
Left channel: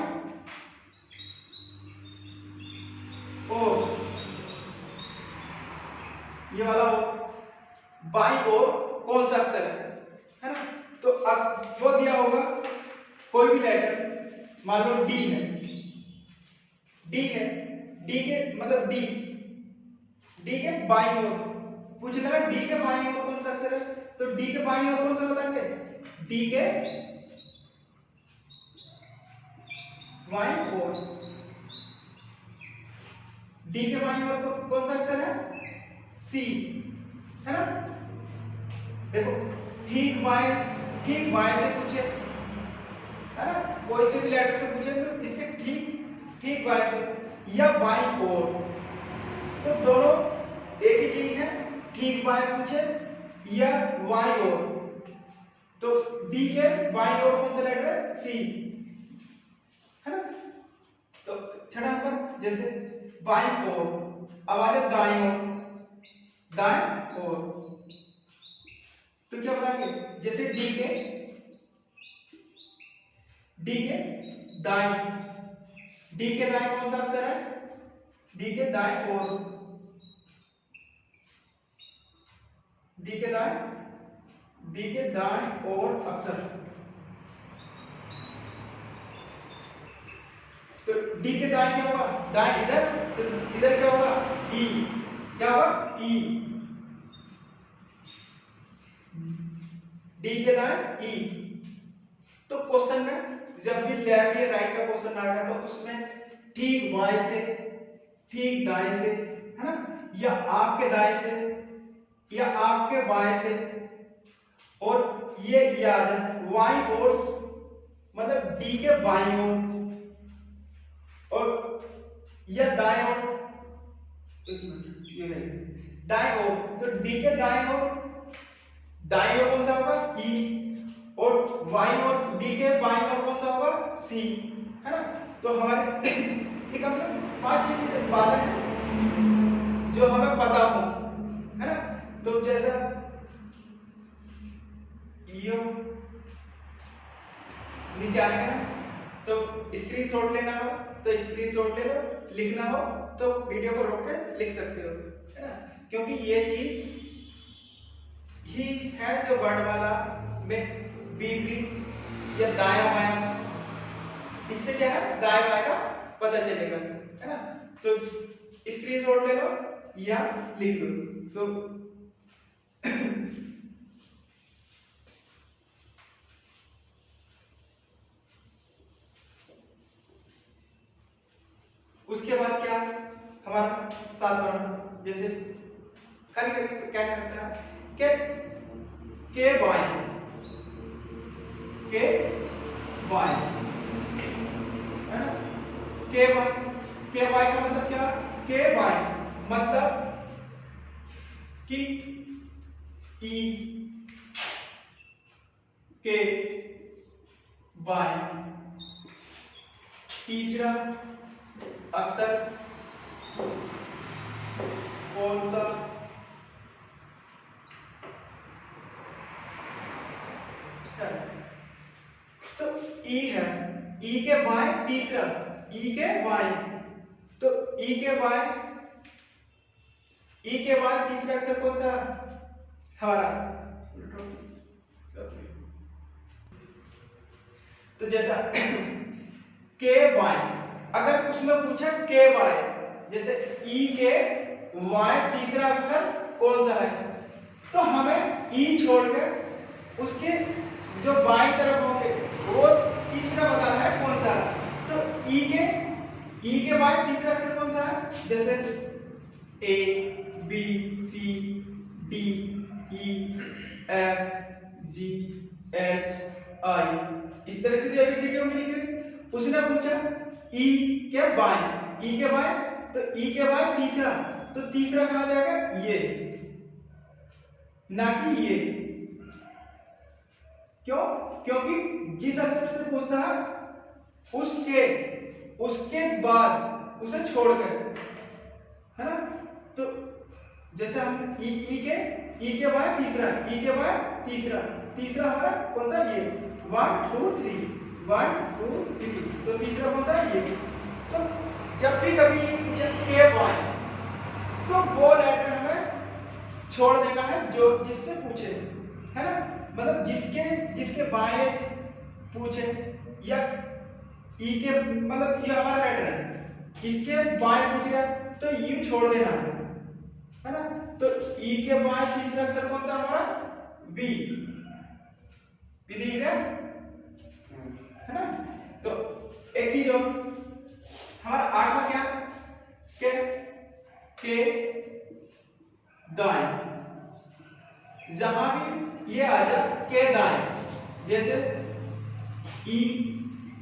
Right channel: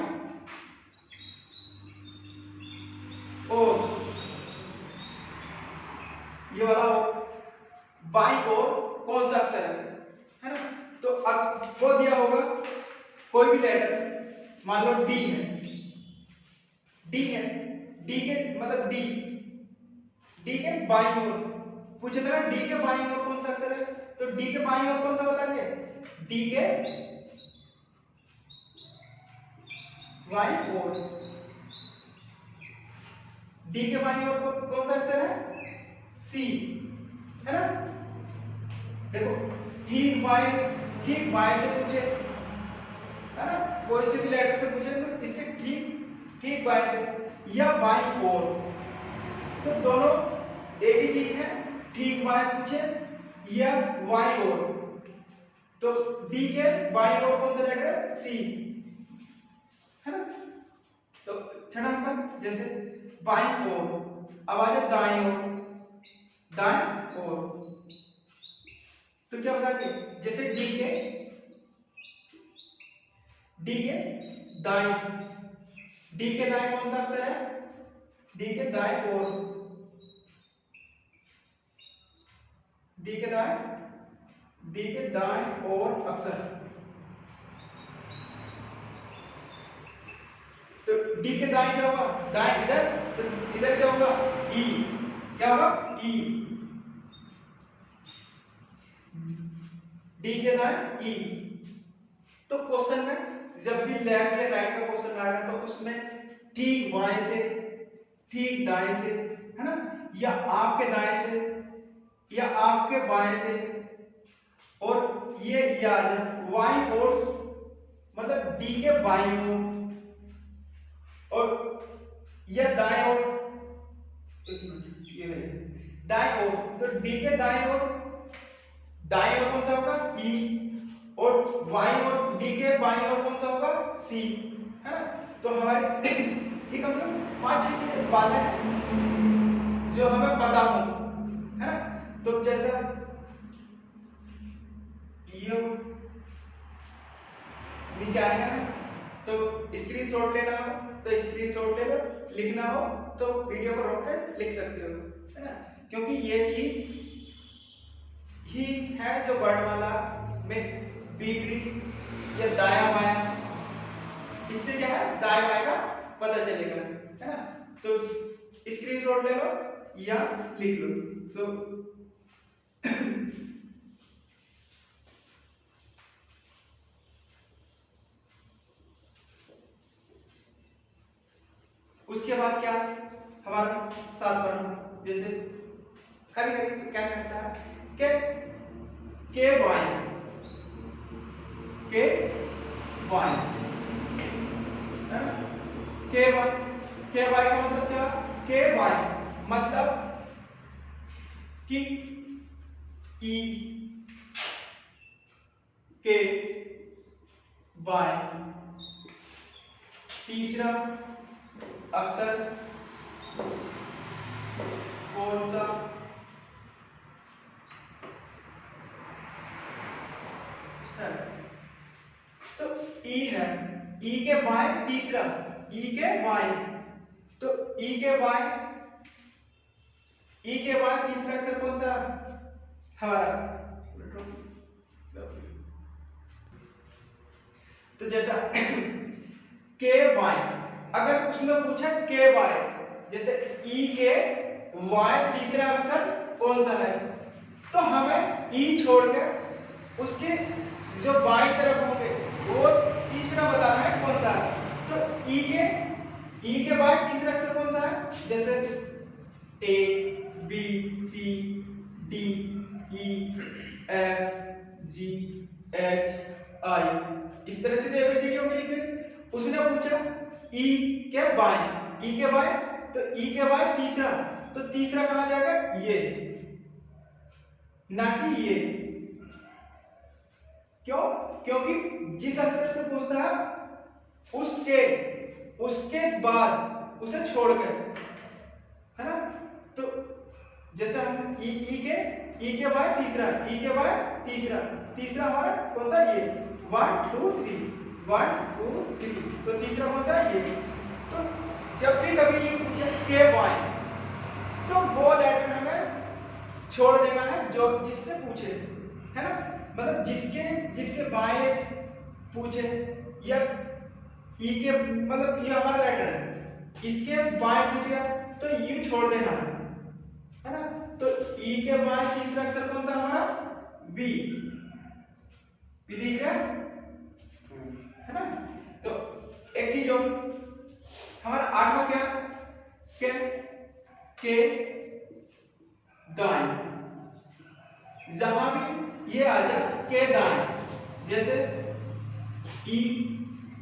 और, ये वाला बाई और कौन सा अक्षर है ना, तो अब वो दिया होगा कोई भी लेटर, मान लो डी है, डी है, डी के मतलब डी के बाईं ओर पूछ रहा है, डी के बाईं ओर कौन सा अक्षर है, तो डी के बाईं ओर कौन सा बताएंगे, डी के बाईं ओर, डी के बाईं ओर कौन सा अक्षर है, सी, है ना। देखो ठीक बाएं से पूछे, है ना, कोई से भी लेटर से पूछे तो इसके ठीक बाएं से या बाईं ओर, तो दोनों एक ही चीज है। ठीक बाएं पूछे या बाईं ओर, तो डी के बाईं ओर कौन सा लेटर है, सी, है ना। तो छठा नंबर जैसे बाईं ओर, अब आ जाए दाईं ओर, तो क्या बताएंगे, जैसे डी के दाएं, डी के दाएं कौन सा अक्षर है, डी के दाएं ओर, डी के दाएं ओर अक्षर, तो डी के दाएं क्या होगा, दाएं इधर, तो इधर क्या होगा, ई, क्या होगा, ई, डी के दाएं ई। तो क्वेश्चन में जब भी लेफ्ट या राइट का क्वेश्चन आएगा तो उसमें ठीक बाएं से, ठीक दाएं से, है ना, या आपके दाएं से या आपके बाएं से, और ये याद बाईं ओर मतलब डी के बाईं ओर, और या दाएं ओर, ये नहीं दाएं ओर, तो डी के दाएं ओर कौन सा होगा, ई, और बाईं ओर डी के बाईं ओर कौन सा होगा, सी, है ना। तो हमारे ये कम से कम 5-6 बातें हैं जो हमें पता हो, है ना। तो जैसे यो नीचे आने का, तो स्क्रीनशॉट लेना हो तो स्क्रीनशॉट ले लो, लिखना हो तो वीडियो को रोक के लिख सकते हो, है ना, क्योंकि ये चीज ही है जो वर्णमाला में विपरीत या दाया बाया, इससे क्या है, दाया बाया का पता चलेगा, है ना। तो स्क्रीनशॉट ले लो या लिख लो। तो उसके बाद क्या हमारा सात वर्ण, जैसे कभी कभी क्या करता है के वाई के वाई, के वाई का मतलब क्या, के वाई मतलब कि ई के वाई, तीसरा अक्षर कौन सा, तो ई है, ई के बाएं तीसरा, ई के बाएं, तो ई के बाएं तीसरा अक्षर कौन सा हमारा, तो जैसा के बाएं, अगर उसमें पूछा के बाएं, जैसे ई के बाएं तीसरा अक्षर कौन सा है, तो हमें ई छोड़कर उसके जो बाईं तरफ होंगे वो तीसरा बताना है कौन सा है। तो ई के बाद तीसरा अक्षर कौन सा है, जैसे A B C D E F G H I, इस तरह से एबीसीडी होगी लिखी हुई। उसने पूछा ई के बाएं, तो ई के बाएं तीसरा, तो तीसरा कहा जाएगा ये, ना कि ये। क्यों, क्योंकि जिस अक्षर से पूछता है उसके बाद उसे छोड़कर, है ना। तो जैसे हम ई के बाद तीसरा हमारा कौन सा, ये 1 2 3 1 2 3, तो तीसरा कौन सा है, ये। तो जब भी कभी के बाएं, तो वो लेटर हमें छोड़ देना है जो जिससे पूछे, है ना, मतलब जिसके बाएं पूछे, या ई के मतलब ये हमारा लेटर है, इसके बाएं पूछ रहा तो यू छोड़ देना है ना। तो ई के बाएं तीसरा अक्षर कौन सा हमारा, बी, दिख रहा है ना। तो एक चीज और हमारा आठवां क्या, के दाएं, जहां भी ये आ जाए के दाएं, जैसे ई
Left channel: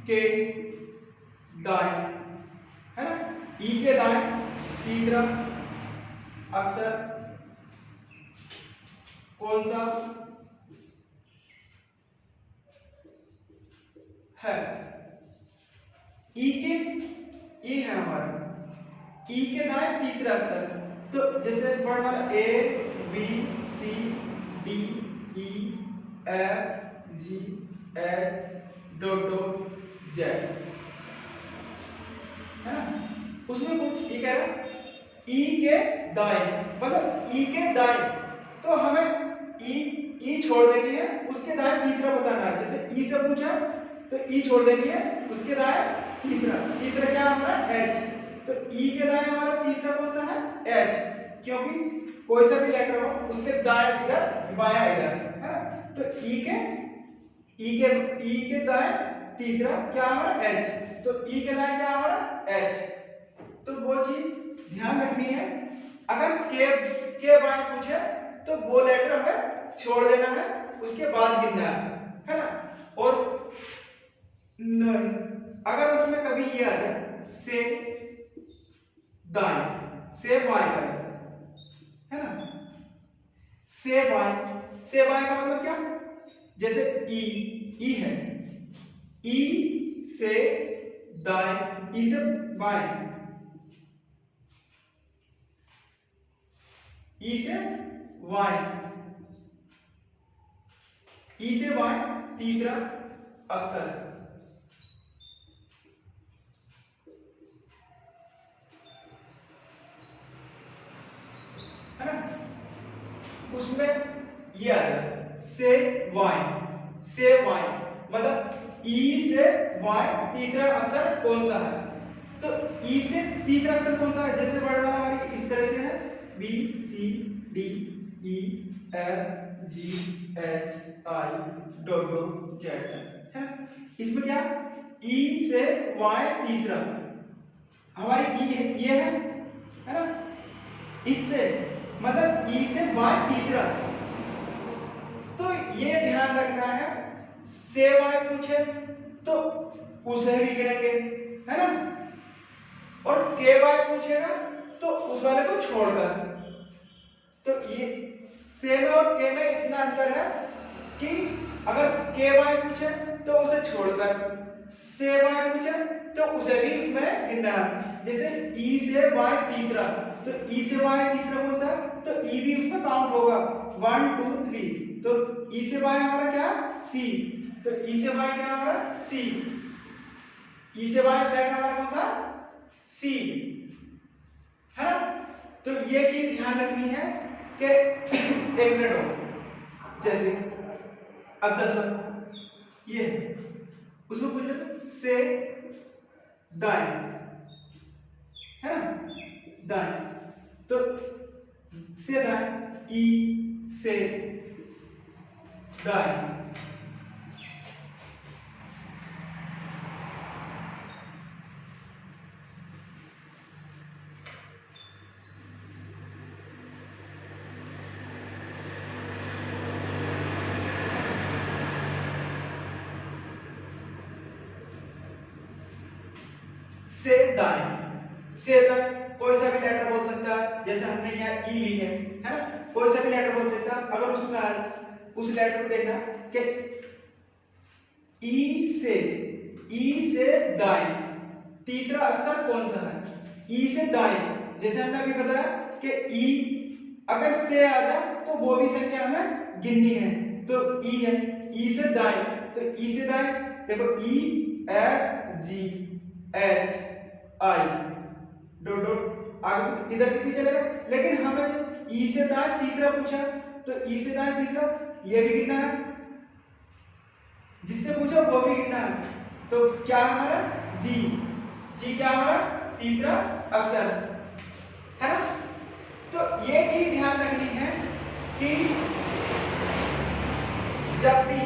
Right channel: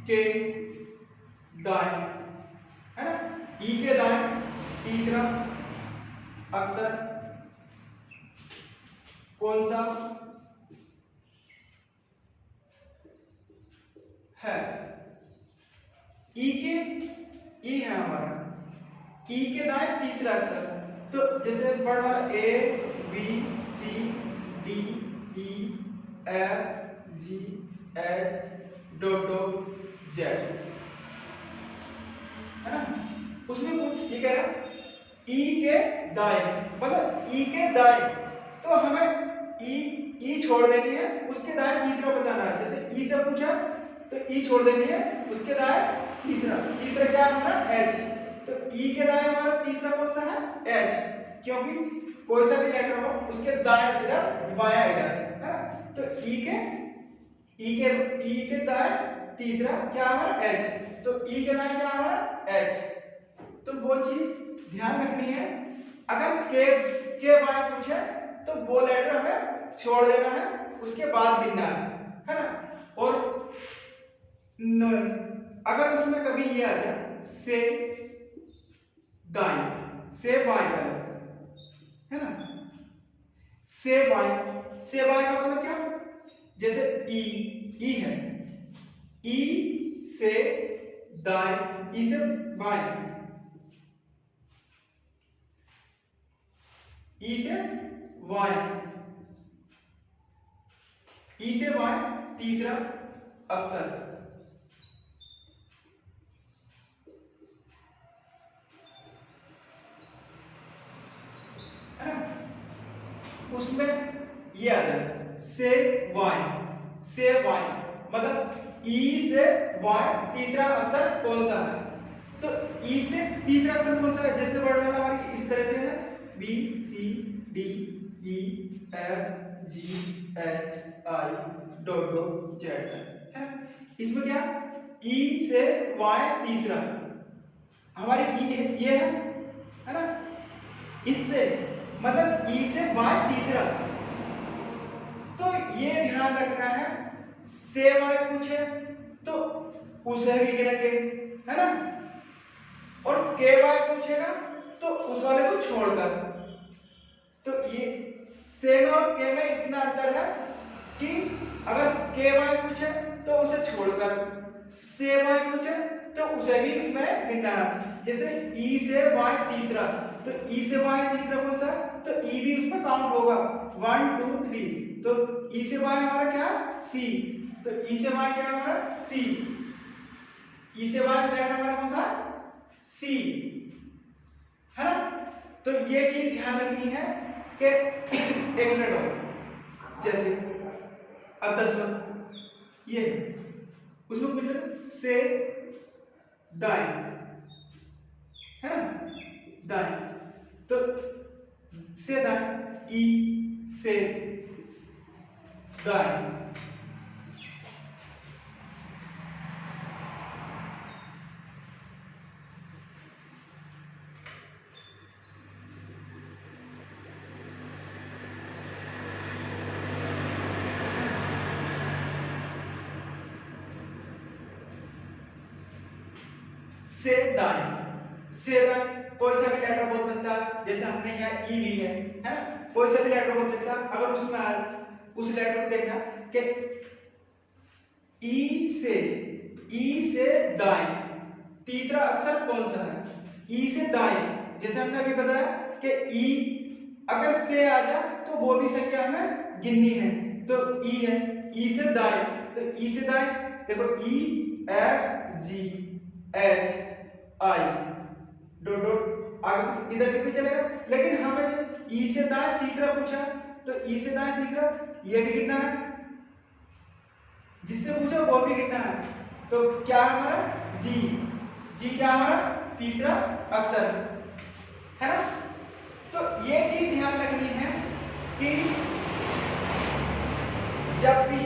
के दाएं, है ना, ई के दाएं तीसरा अक्षर कौन सा है? ई के, ई है हमारा, ई के दाएं तीसरा अक्षर, तो जैसे पढ़ वाला A B C D E F G H dot dot Z, है ना, उसमें कुछ ये कह रहा है ई के दाएं, मतलब ई के दाएं, तो हमें ई छोड़ देनी है, उसके दाएं तीसरा बताना है। जैसे ई से पूछा तो ई छोड़ देनी है, उसके दाएं तीसरा, तीसरा क्या है हमारा एच, तो ई के दाएं हमारा तीसरा कौन सा है एच, क्योंकि कोई सा भी लेटर हो उसके दाएं इधर बायां इधर, है ना, तो ई के दाएं तीसरा क्या हमारा एच, तो ई के दाएं क्या हमारा एच, तो वो चीज ध्यान रखनी है। अगर के बाएं पूछे तो वो लेटर हमें छोड़ देना है, उसके बाद गिनना है ना, और अगर उसमें कभी ये आ जाए से दाएं, से बाएं, है ना, से बाएं का मतलब क्या, जैसे ई है, ई से दाएं, ई से बाएं, ई से बाएं, ई से बाएं तीसरा अक्षर, है ना, उसमें ये आ जाए से बाएं, मतलब ई से बाएं तीसरा अक्षर कौन सा है, तो ई से तीसरा अक्षर कौन सा है, जैसे वर्ड वाला हमारी इस तरह से है B C D E F G H I dot dot Z, है ना, इसमें क्या ई से बाएं तीसरा हमारी ई है, ये है ना, इससे मतलब ई से बाएं तीसरा, तो ये ध्यान रखना है, से बाएं पूछे तो उसे भी गिनेंगे, है ना, और के बाएं पूछेगा तो उस वाले को छोड़कर, तो ये से में और के में इतना अंतर है कि अगर के बाएं पूछे तो उसे छोड़कर, से बाएं पूछे तो उसे भी उसमें गिनना है। जैसे ई से बाएं तीसरा, तो ई से बाएं तीसरा कौन सा, तो ई भी उसमें काउंट होगा 1 2 3, तो ई से बाएं हमारा क्या सी, तो ई से बाएं क्या हमारा सी, ई से बाएं फ्लैट हमारा कौन सा सी, है ना, तो ये चीज ध्यान रखनी है कि एक मिनट हो, जैसे अब 10 बार ये उसमें पूछ से दाएं, है ना, दाएं, तो से दाएं ई से दाएं, से दाएं कोई सा भी लेटर बोल सकता है, जैसे हमने यहाँ ई भी है ना, कोई सा भी लेटर बोल सकता है। अगर उसमें उस लेटर को देखना कि ई से दाएं तीसरा अक्षर कौन सा है, ई से दाएं, जैसे हमने अभी बताया कि ई अगर से आ जाए तो वो भी संख्या हमें गिननी है, तो ई है, ई से दाएं, तो ई से दाएं देखो ई F G H I dot dot आगे इधर भी चलेगा, लेकिन हमें ई से दाएं तीसरा पूछा, तो ई से दाएं तीसरा ये भी गिनना है, जिससे पूछो वो भी गिनना है, तो क्या हमारा जी क्या हमारा तीसरा अक्षर, है ना। तो ये चीज ध्यान रखनी है कि जब भी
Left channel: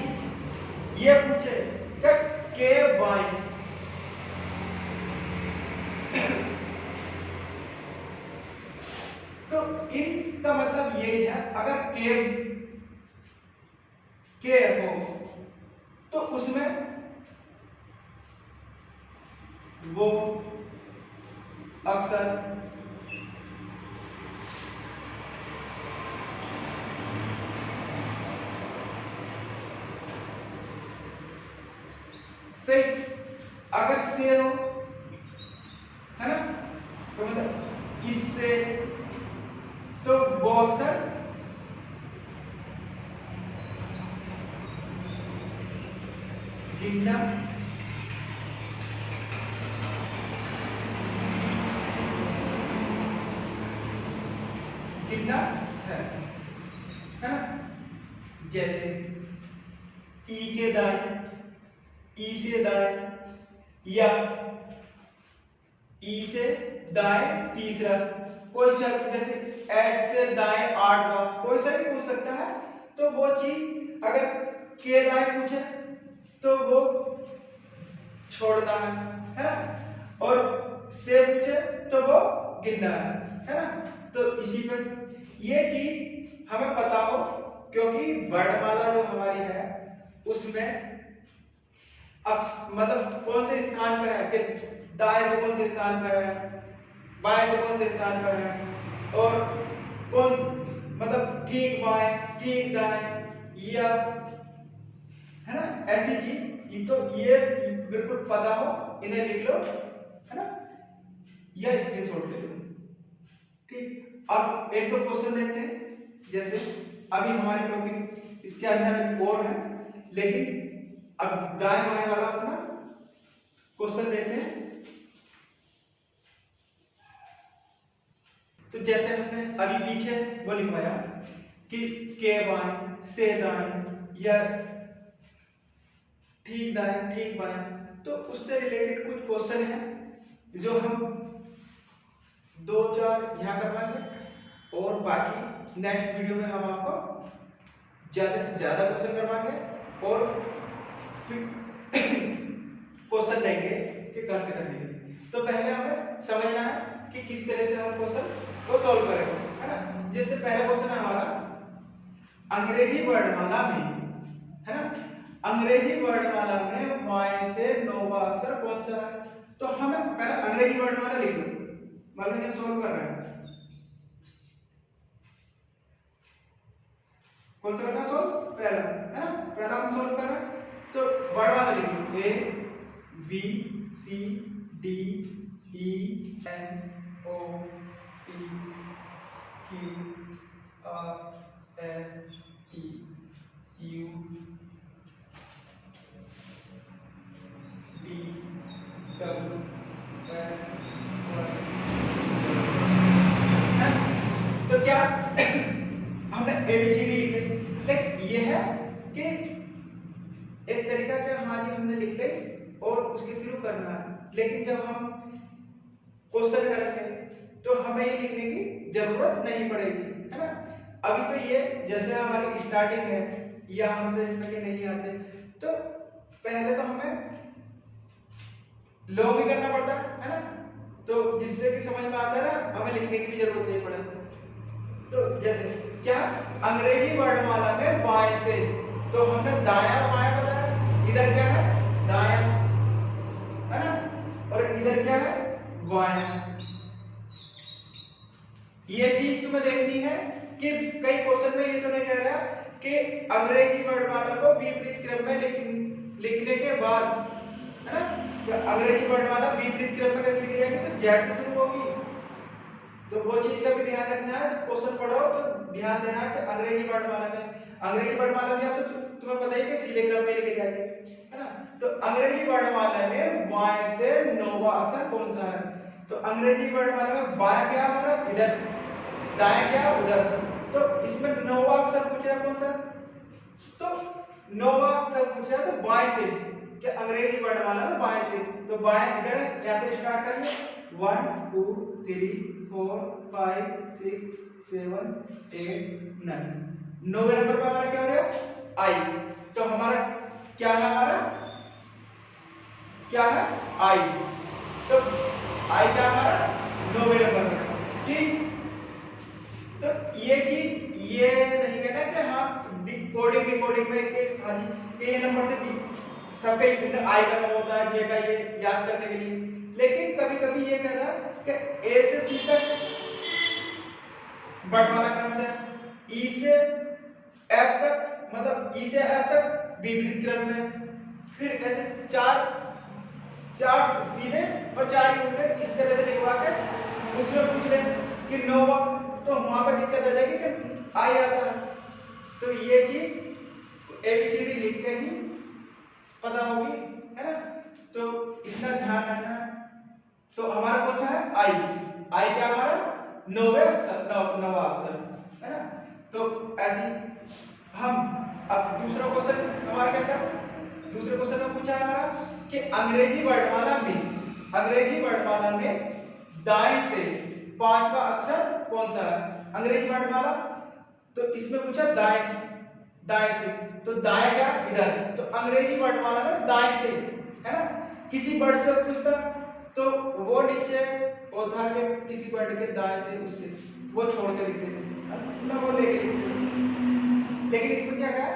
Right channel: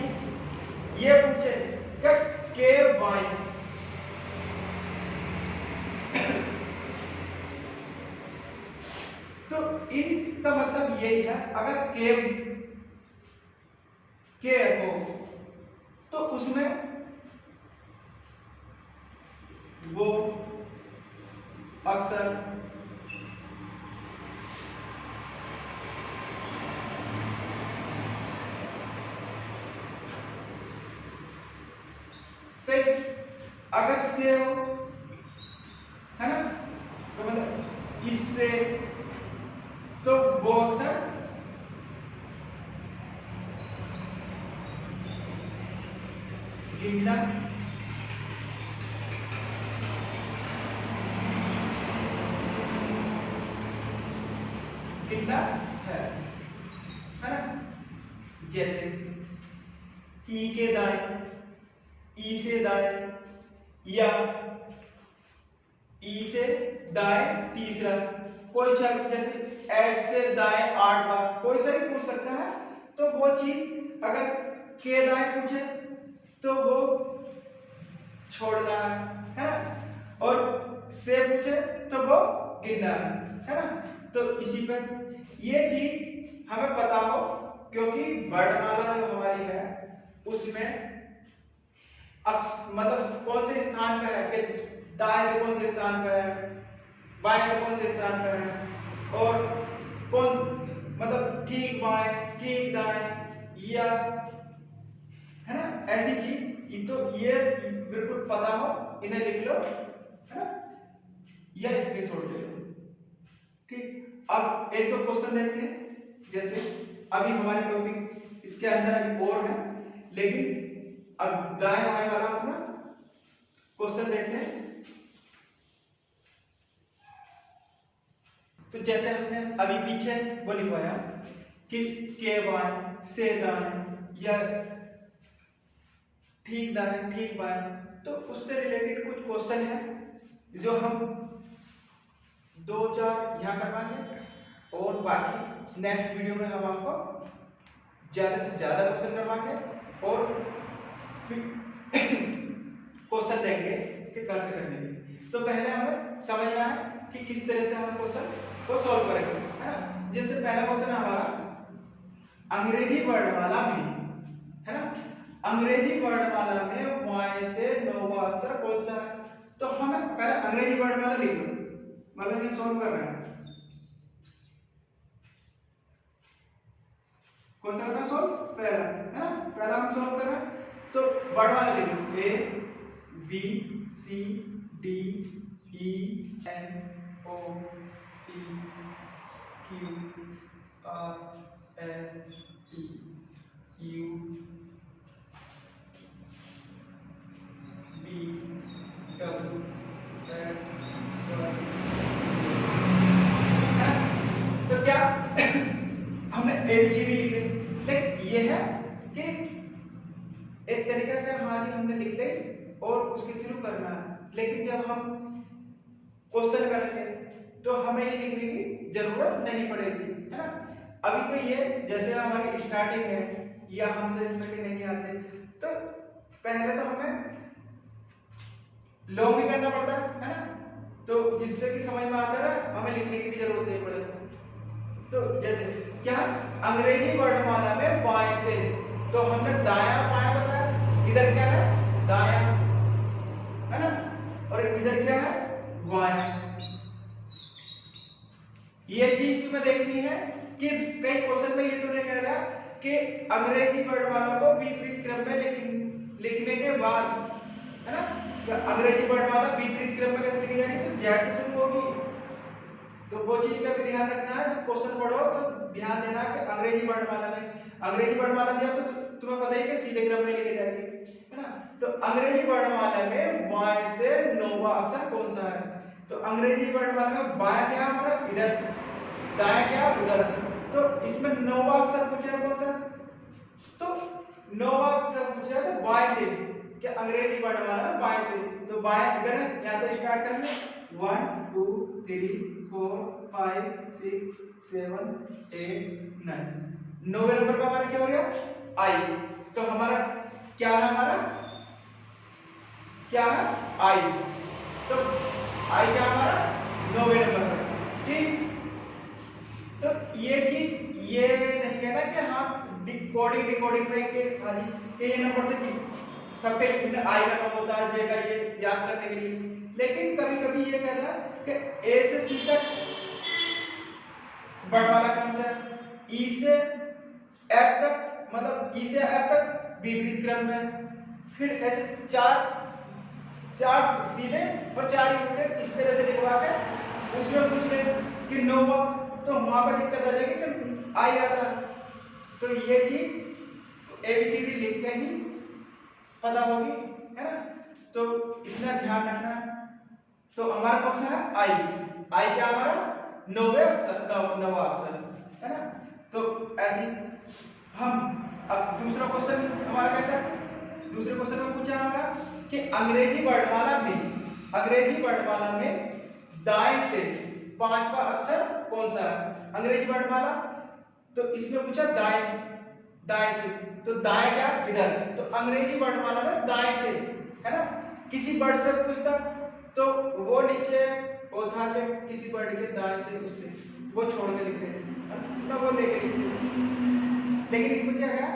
ये पूछे के बाएं, तो इसका मतलब यही है, अगर के हो तो उसमें वो अक्सर सही, अगर से हो, है ना, तो मतलब इससे, तो वो अक्सर गिनना गिनना है ना। जैसे ई के दाएं, ई से दाएं, या ई से दाएं तीसरा, कोई शब्द जैसे एच से दाएं 8 बार, कोई सा भी पूछ सकता है। तो वो चीज अगर के दाएं पूछे तो वो छोड़ना है ना, और से पूछे तो वो गिनना है ना। तो इसी में ये चीज हमें पता हो, क्योंकि वर्णमाला जो हमारी है उसमें मतलब कौन से स्थान पे है, कि दाएं से कौन से स्थान पे है, बाएं से कौन से स्थान पे है, और कौन मतलब ठीक बाएं ठीक दाएं, या है ना, ऐसी चीज। तो ये बिल्कुल पता हो, इन्हें लिख लो, है ना, या स्क्रीनशॉट ले लो। ठीक, अब एक दो क्वेश्चन देखते हैं। जैसे अभी हमारे टॉपिक इसके अंदर और है, लेकिन अब दाएं बाएं वाला अपना क्वेश्चन देखते हैं। तो जैसे हमने अभी पीछे वो लिखवाया कि के बाएं से दाएं या ठीक दाएं ठीक बाएं, तो उससे रिलेटेड कुछ क्वेश्चन है जो हम दो चार यहाँ करवाएंगे, और बाकी नेक्स्ट वीडियो में हम आपको ज्यादा से ज्यादा क्वेश्चन करवाएंगे और फिर क्वेश्चन देंगे कि कैसे करने। तो पहले हमें समझना है कि किस तरह से हम क्वेश्चन को सॉल्व करेंगे, है ना। जैसे पहला क्वेश्चन हमारा अंग्रेजी वर्णमाला में, है ना, अंग्रेजी वर्णमाला में वाई से नौवां अक्षर कौन सा है। तो हमें पहले अंग्रेजी वर्णमाला लिख लो, मतलब ये सॉल्व कर रहा है। कौन सा करना सॉल्व, पहला, है ना, पहला हम सॉल्व कर रहे हैं। तो वर्णमाला लिख लो, A B C D E N O P Q R S T U V W X Y. तो क्या हमने एबीसीडी लिख ली, लेकिन ये है कि एक तरीका क्या, हाँ जी हमने लिख ली और उसके थ्रू करना है। लेकिन जब हम क्वेश्चन करेंगे तो हमें ये लिखने की जरूरत नहीं पड़ेगी, है ना। अभी तो ये जैसे हमारी स्टार्टिंग है, या हमसे इस तरह के नहीं आते, तो पहले तो हमें लॉन्ग ही करना पड़ता है ना, तो जिससे कि समझ में आता है, हमें लिखने की भी जरूरत नहीं पड़े। तो जैसे क्या, अंग्रेजी वर्णमाला में बाएं से, तो हमने दायां बायां बताया, इधर क्या है दायां, है ना, और इधर क्या है बायां। ये चीज तुम्हें देखनी है कि कई क्वेश्चन में ये तो नहीं कहेगा कि अंग्रेजी वर्णमाला को विपरीत क्रम में लिखने के बाद, है ना, तो अंग्रेजी वर्णमाला विपरीत क्रम में कैसे लिखी जाएगी, तो जेड से शुरू होगी। तो वो चीज का भी ध्यान रखना है, जब क्वेश्चन पढ़ो तो ध्यान देना है कि अंग्रेजी वर्णमाला में, अंग्रेजी वर्णमाला लिया तो तुम्हें पता ही कि सीधे क्रम में लिखे जाएंगे, है ना। तो अंग्रेजी वर्णमाला में बाएं से नौवां अक्षर कौन सा है। तो अंग्रेजी वर्णमाला में बायां क्या हमारा इधर, दायां क्या उधर, तो इसमें नौवां अक्षर पूछा है कौन सा, तो नौवां अक्षर पूछा है तो बाएं से, कि अंग्रेजी वर्णमाला में बाएं से, तो बाएं इधर है, यहां से स्टार्ट करेंगे 1 2 3 4 5 6 7 8 9, 9वें नंबर का हमारा क्या हो गया आई। तो हमारा क्या है, हमारा क्या है आई, तो आई क्या हमारा 9वें नंबर पर, ठीक। तो ये चीज ये नहीं कहना कि हाँ डिकोडिंग डिकोडिंग में कि ये नंबर तो सबके आई का नंबर होता है, जे का ये याद करने के लिए, लेकिन कभी कभी ये कहता है कि ए से सी तक वर्णमाला क्रम से, ई से एफ तक मतलब ई से एफ तक विपरीत क्रम में, फिर ऐसे चार सीधे और 4 ही उल्टे इस तरह से लिखवा के उसमें पूछ ले कि 9 हुआ, तो वहां पर दिक्कत आ जाएगी कि आई आता है। तो ये चीज एबीसीडी लिख के ही पता होगी, है ना। तो इतना ध्यान रखना है। तो हमारा कौन सा है आई क्या हमारा 9वें अक्षर, नौवां अक्षर, है ना। तो ऐसे हम अब दूसरा क्वेश्चन हमारा कैसा है, दूसरे क्वेश्चन में पूछा हमारा कि अंग्रेजी वर्णमाला में दाएं से 5वां अक्षर कौन सा है। अंग्रेजी वर्णमाला तो इसमें पूछा दाएं से, तो दाएं क्या इधर, तो अंग्रेजी वर्णमाला में दाएं से, है ना। किसी वर्ड से पूछता तो वो नीचे वो था कि किसी वर्ड के दाएं से उससे वो छोड़ के लिखते थे ना, वो लेके लिखते, लेकिन इसमें क्या गया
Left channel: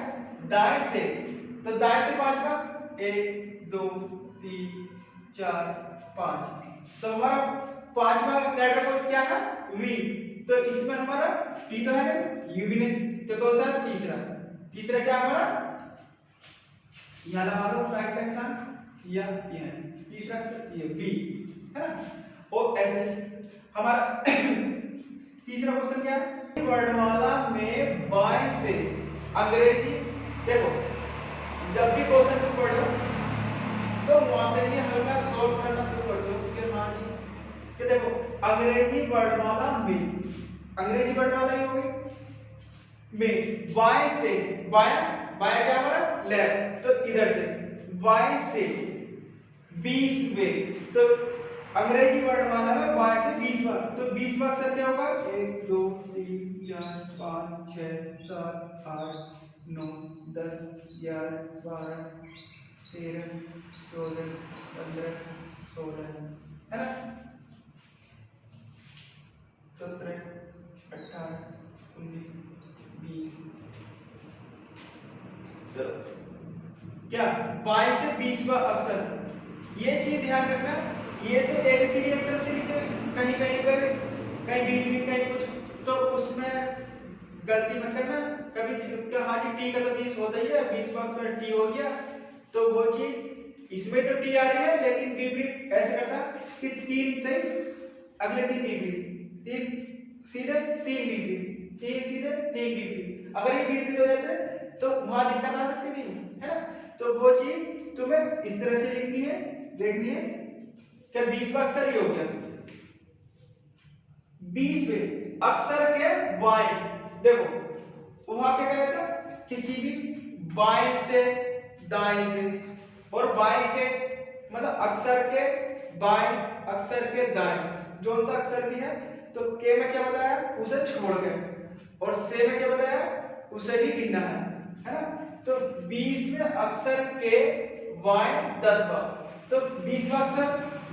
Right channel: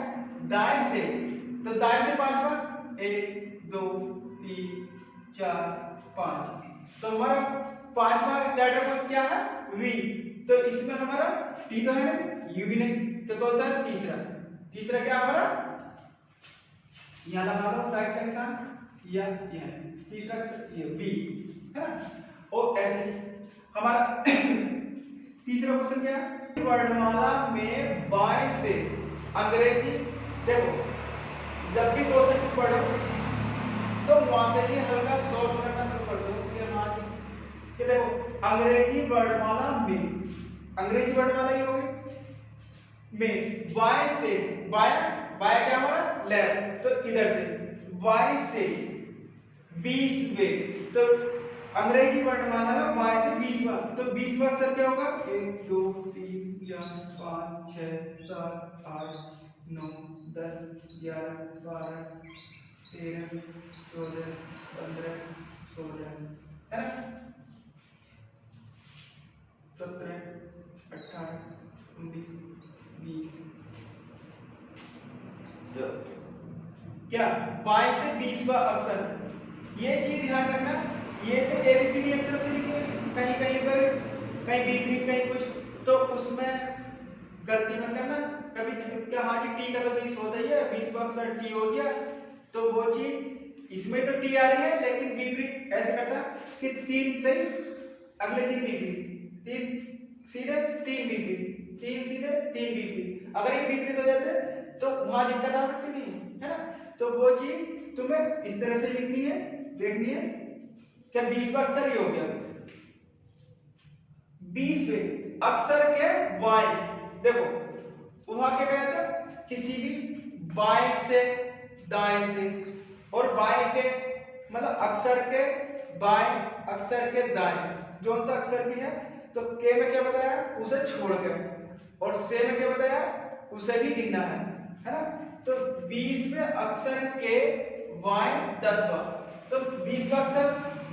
दाएं से, तो दाएं से 5वां 1 2 3 4 5, तो हमारा 5वां लेटर कोड क्या है वी, तो इसमें हमारा टी तो है यू भी नहीं, तो कौन सा तीसरा क्या हमारा यहाँ लगा लो राइट का निशान या तीसरा ये बी, है ना। और ऐसे हमारा तीसरा क्वेश्चन क्या है, वर्णमाला में बाएं से अंग्रेजी, देखो जब भी क्वेश्चन को पढ़ो तो वहां से ही हल्का सोच करना शुरू कर दो कि देखो अंग्रेजी वर्णमाला ये हो गई में बाएं से, बाया क्या हमारा लेफ्ट, तो इधर से बाएं से 20वें, तो अंग्रेजी वर्णमाला में बाएं से 20वां, तो 20वां अक्षर क्या होगा 1 2 3 4 5 6 7 8 9 10 11 12 13 14 15 16, है ना, 17 18 19 20, तो क्या बाएं से 20वां अक्षर, ये चीज ध्यान रखना। ये तो एबीसीडी एक तरफ से लिखे, कहीं कहीं पर कहीं बीच में कहीं कुछ, तो उसमें गलती मत करना कभी क्या, हाँ जी टी का तो 20 होता ही है, 20वां अक्षर टी हो गया, तो वो चीज इसमें तो टी आ रही है लेकिन विपरीत ऐसे करना कि 3 सही अगले 3 विपरीत, 3 सीधे 3 विपरीत, 3 सीधे 3 विपरीत, अगर ये विपरीत हो जाते तो वहां दिक्कत आ सकती थी, है ना। तो वो चीज तुम्हें इस तरह से लिखनी है, देखनी है क्या 20वां अक्षर ये हो गया, 20वें अक्षर के बाएं, देखो वहां क्या कहते हैं किसी भी बाएं से दाएं से, और बाएं के मतलब अक्षर के बाएं अक्षर के दाएं, जो सा अक्षर भी है, तो के में क्या बताया उसे छोड़ के, और से में क्या बताया उसे भी गिनना है ना। तो 20वें अक्षर के बाएं 10वां, तो 20वां अक्षर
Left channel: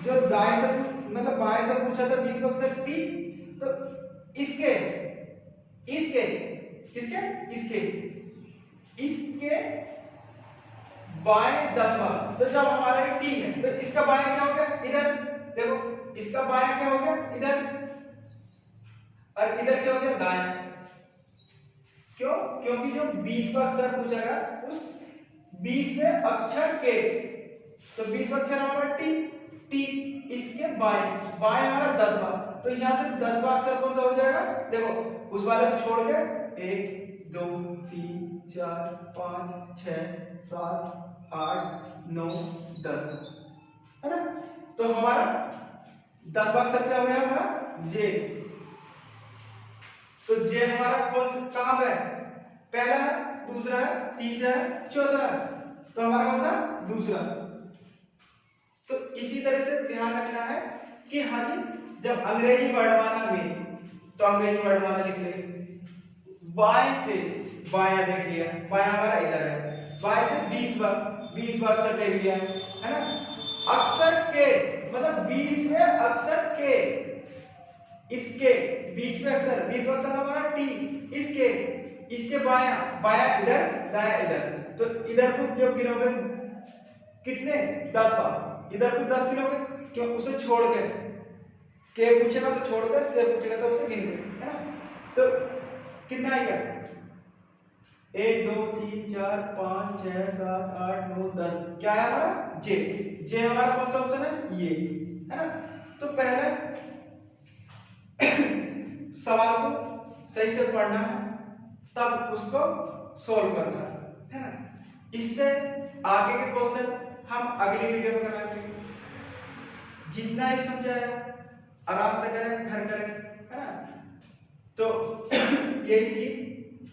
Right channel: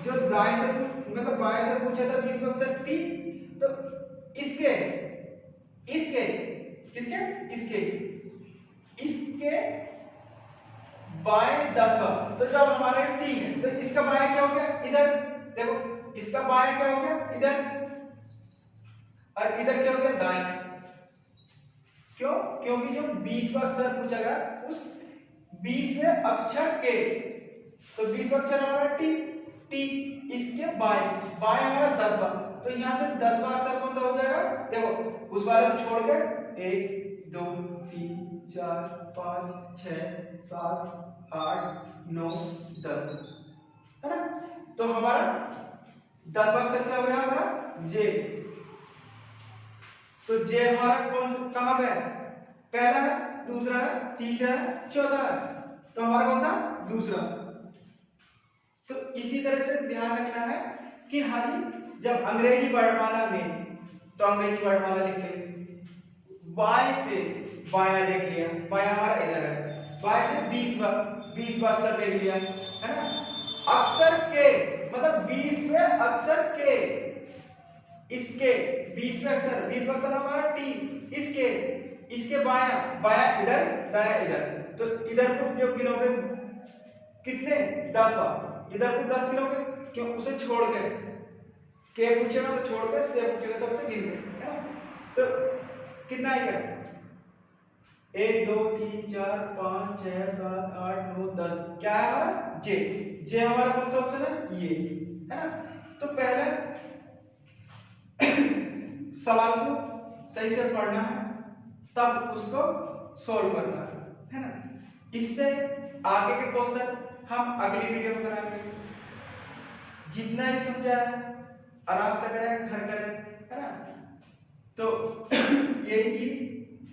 जो दाएं से मतलब बाएं से पूछा था 20वां अक्षर टी, तो इसके बाएं 10वां, तो जब हमारे टी है तो इसका बाएं क्या हो गया इधर, देखो इसका बाएं क्या हो गया इधर, और इधर क्या हो गया दाएं, क्यों, क्योंकि जो 20वां अक्षर पूछा गया उस 20वें अक्षर के, तो 20वां अक्षर हमारा टी, इसके बाएं हमारा 10वां, तो यहां से 10वां अक्षर कौन सा हो जाएगा, देखो उस वाले को छोड़ के 1 2 3 4 5 6 7 8 9 10, है ना। तो हमारा 10वां अक्षर क्या हो गया हमारा जे, तो जे हमारा कौन सा कहां है, पहला है, दूसरा है, तीसरा है, चौथा है, तो हमारा कौन सा दूसरा। तो इसी तरह से ध्यान रखना है कि हाँ जी जब अंग्रेजी वर्णमाला में, तो अंग्रेजी वर्णमाला लिख लेंगे, बाएं से बायां देख लिया, बायां हमारा इधर है, बाएं से 20वां अक्षर देख लिया, है ना। अक्षर के मतलब 20वें अक्षर के इसके 20वें अक्षर हमारा टी, इसके बाया इधर दाया इधर, तो इधर को जो गिनोगे कितने 10 बार, इधर को 10 गिनोगे क्यों, उसे छोड़ के पूछेगा तो छोड़ के, से पूछेगा तो उसे गिन के, है ना। तो कितना आएगा 1 2 3 4 5 6 7 8 9 10, क्या है हमारा जे हमारा कौन सा ऑप्शन है ये, है ना। तो पहले सवाल को सही से पढ़ना है, तब उसको सॉल्व करना है ना। इससे आगे के क्वेश्चन हम अगली वीडियो में कराएंगे। जितना ही समझाया आराम से करें, घर करें, है ना। तो यही चीज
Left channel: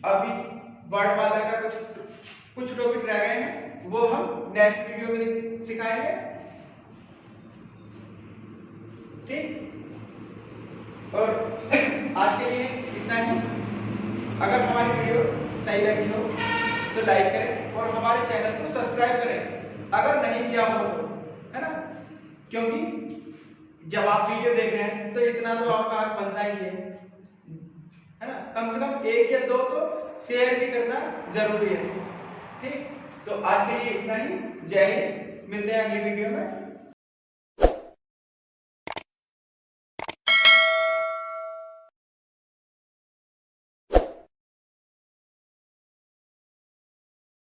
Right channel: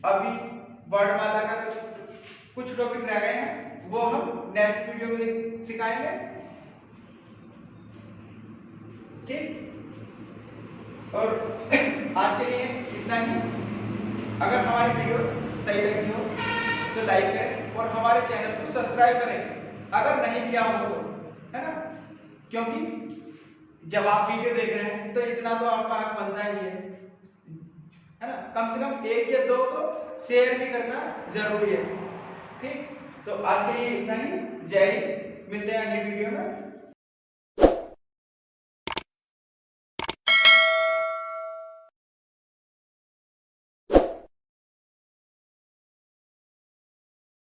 अभी वर्णमाला का कुछ टॉपिक रह गए हैं, वो हम नेक्स्ट वीडियो में सिखाएंगे, ठीक। और आज के लिए इतना ही। अगर हमारी वीडियो सही लगी हो तो लाइक करें और हमारे चैनल को सब्सक्राइब करें अगर नहीं किया हो तो, है ना। क्योंकि जब आप वीडियो देख रहे हैं तो इतना तो आपका हक बनता ही है ना। कम से कम 1 या 2 तो शेयर भी करना जरूरी है, ठीक। तो आज के लिए इतना ही। जय हिंद, मिलते हैं अगली वीडियो में।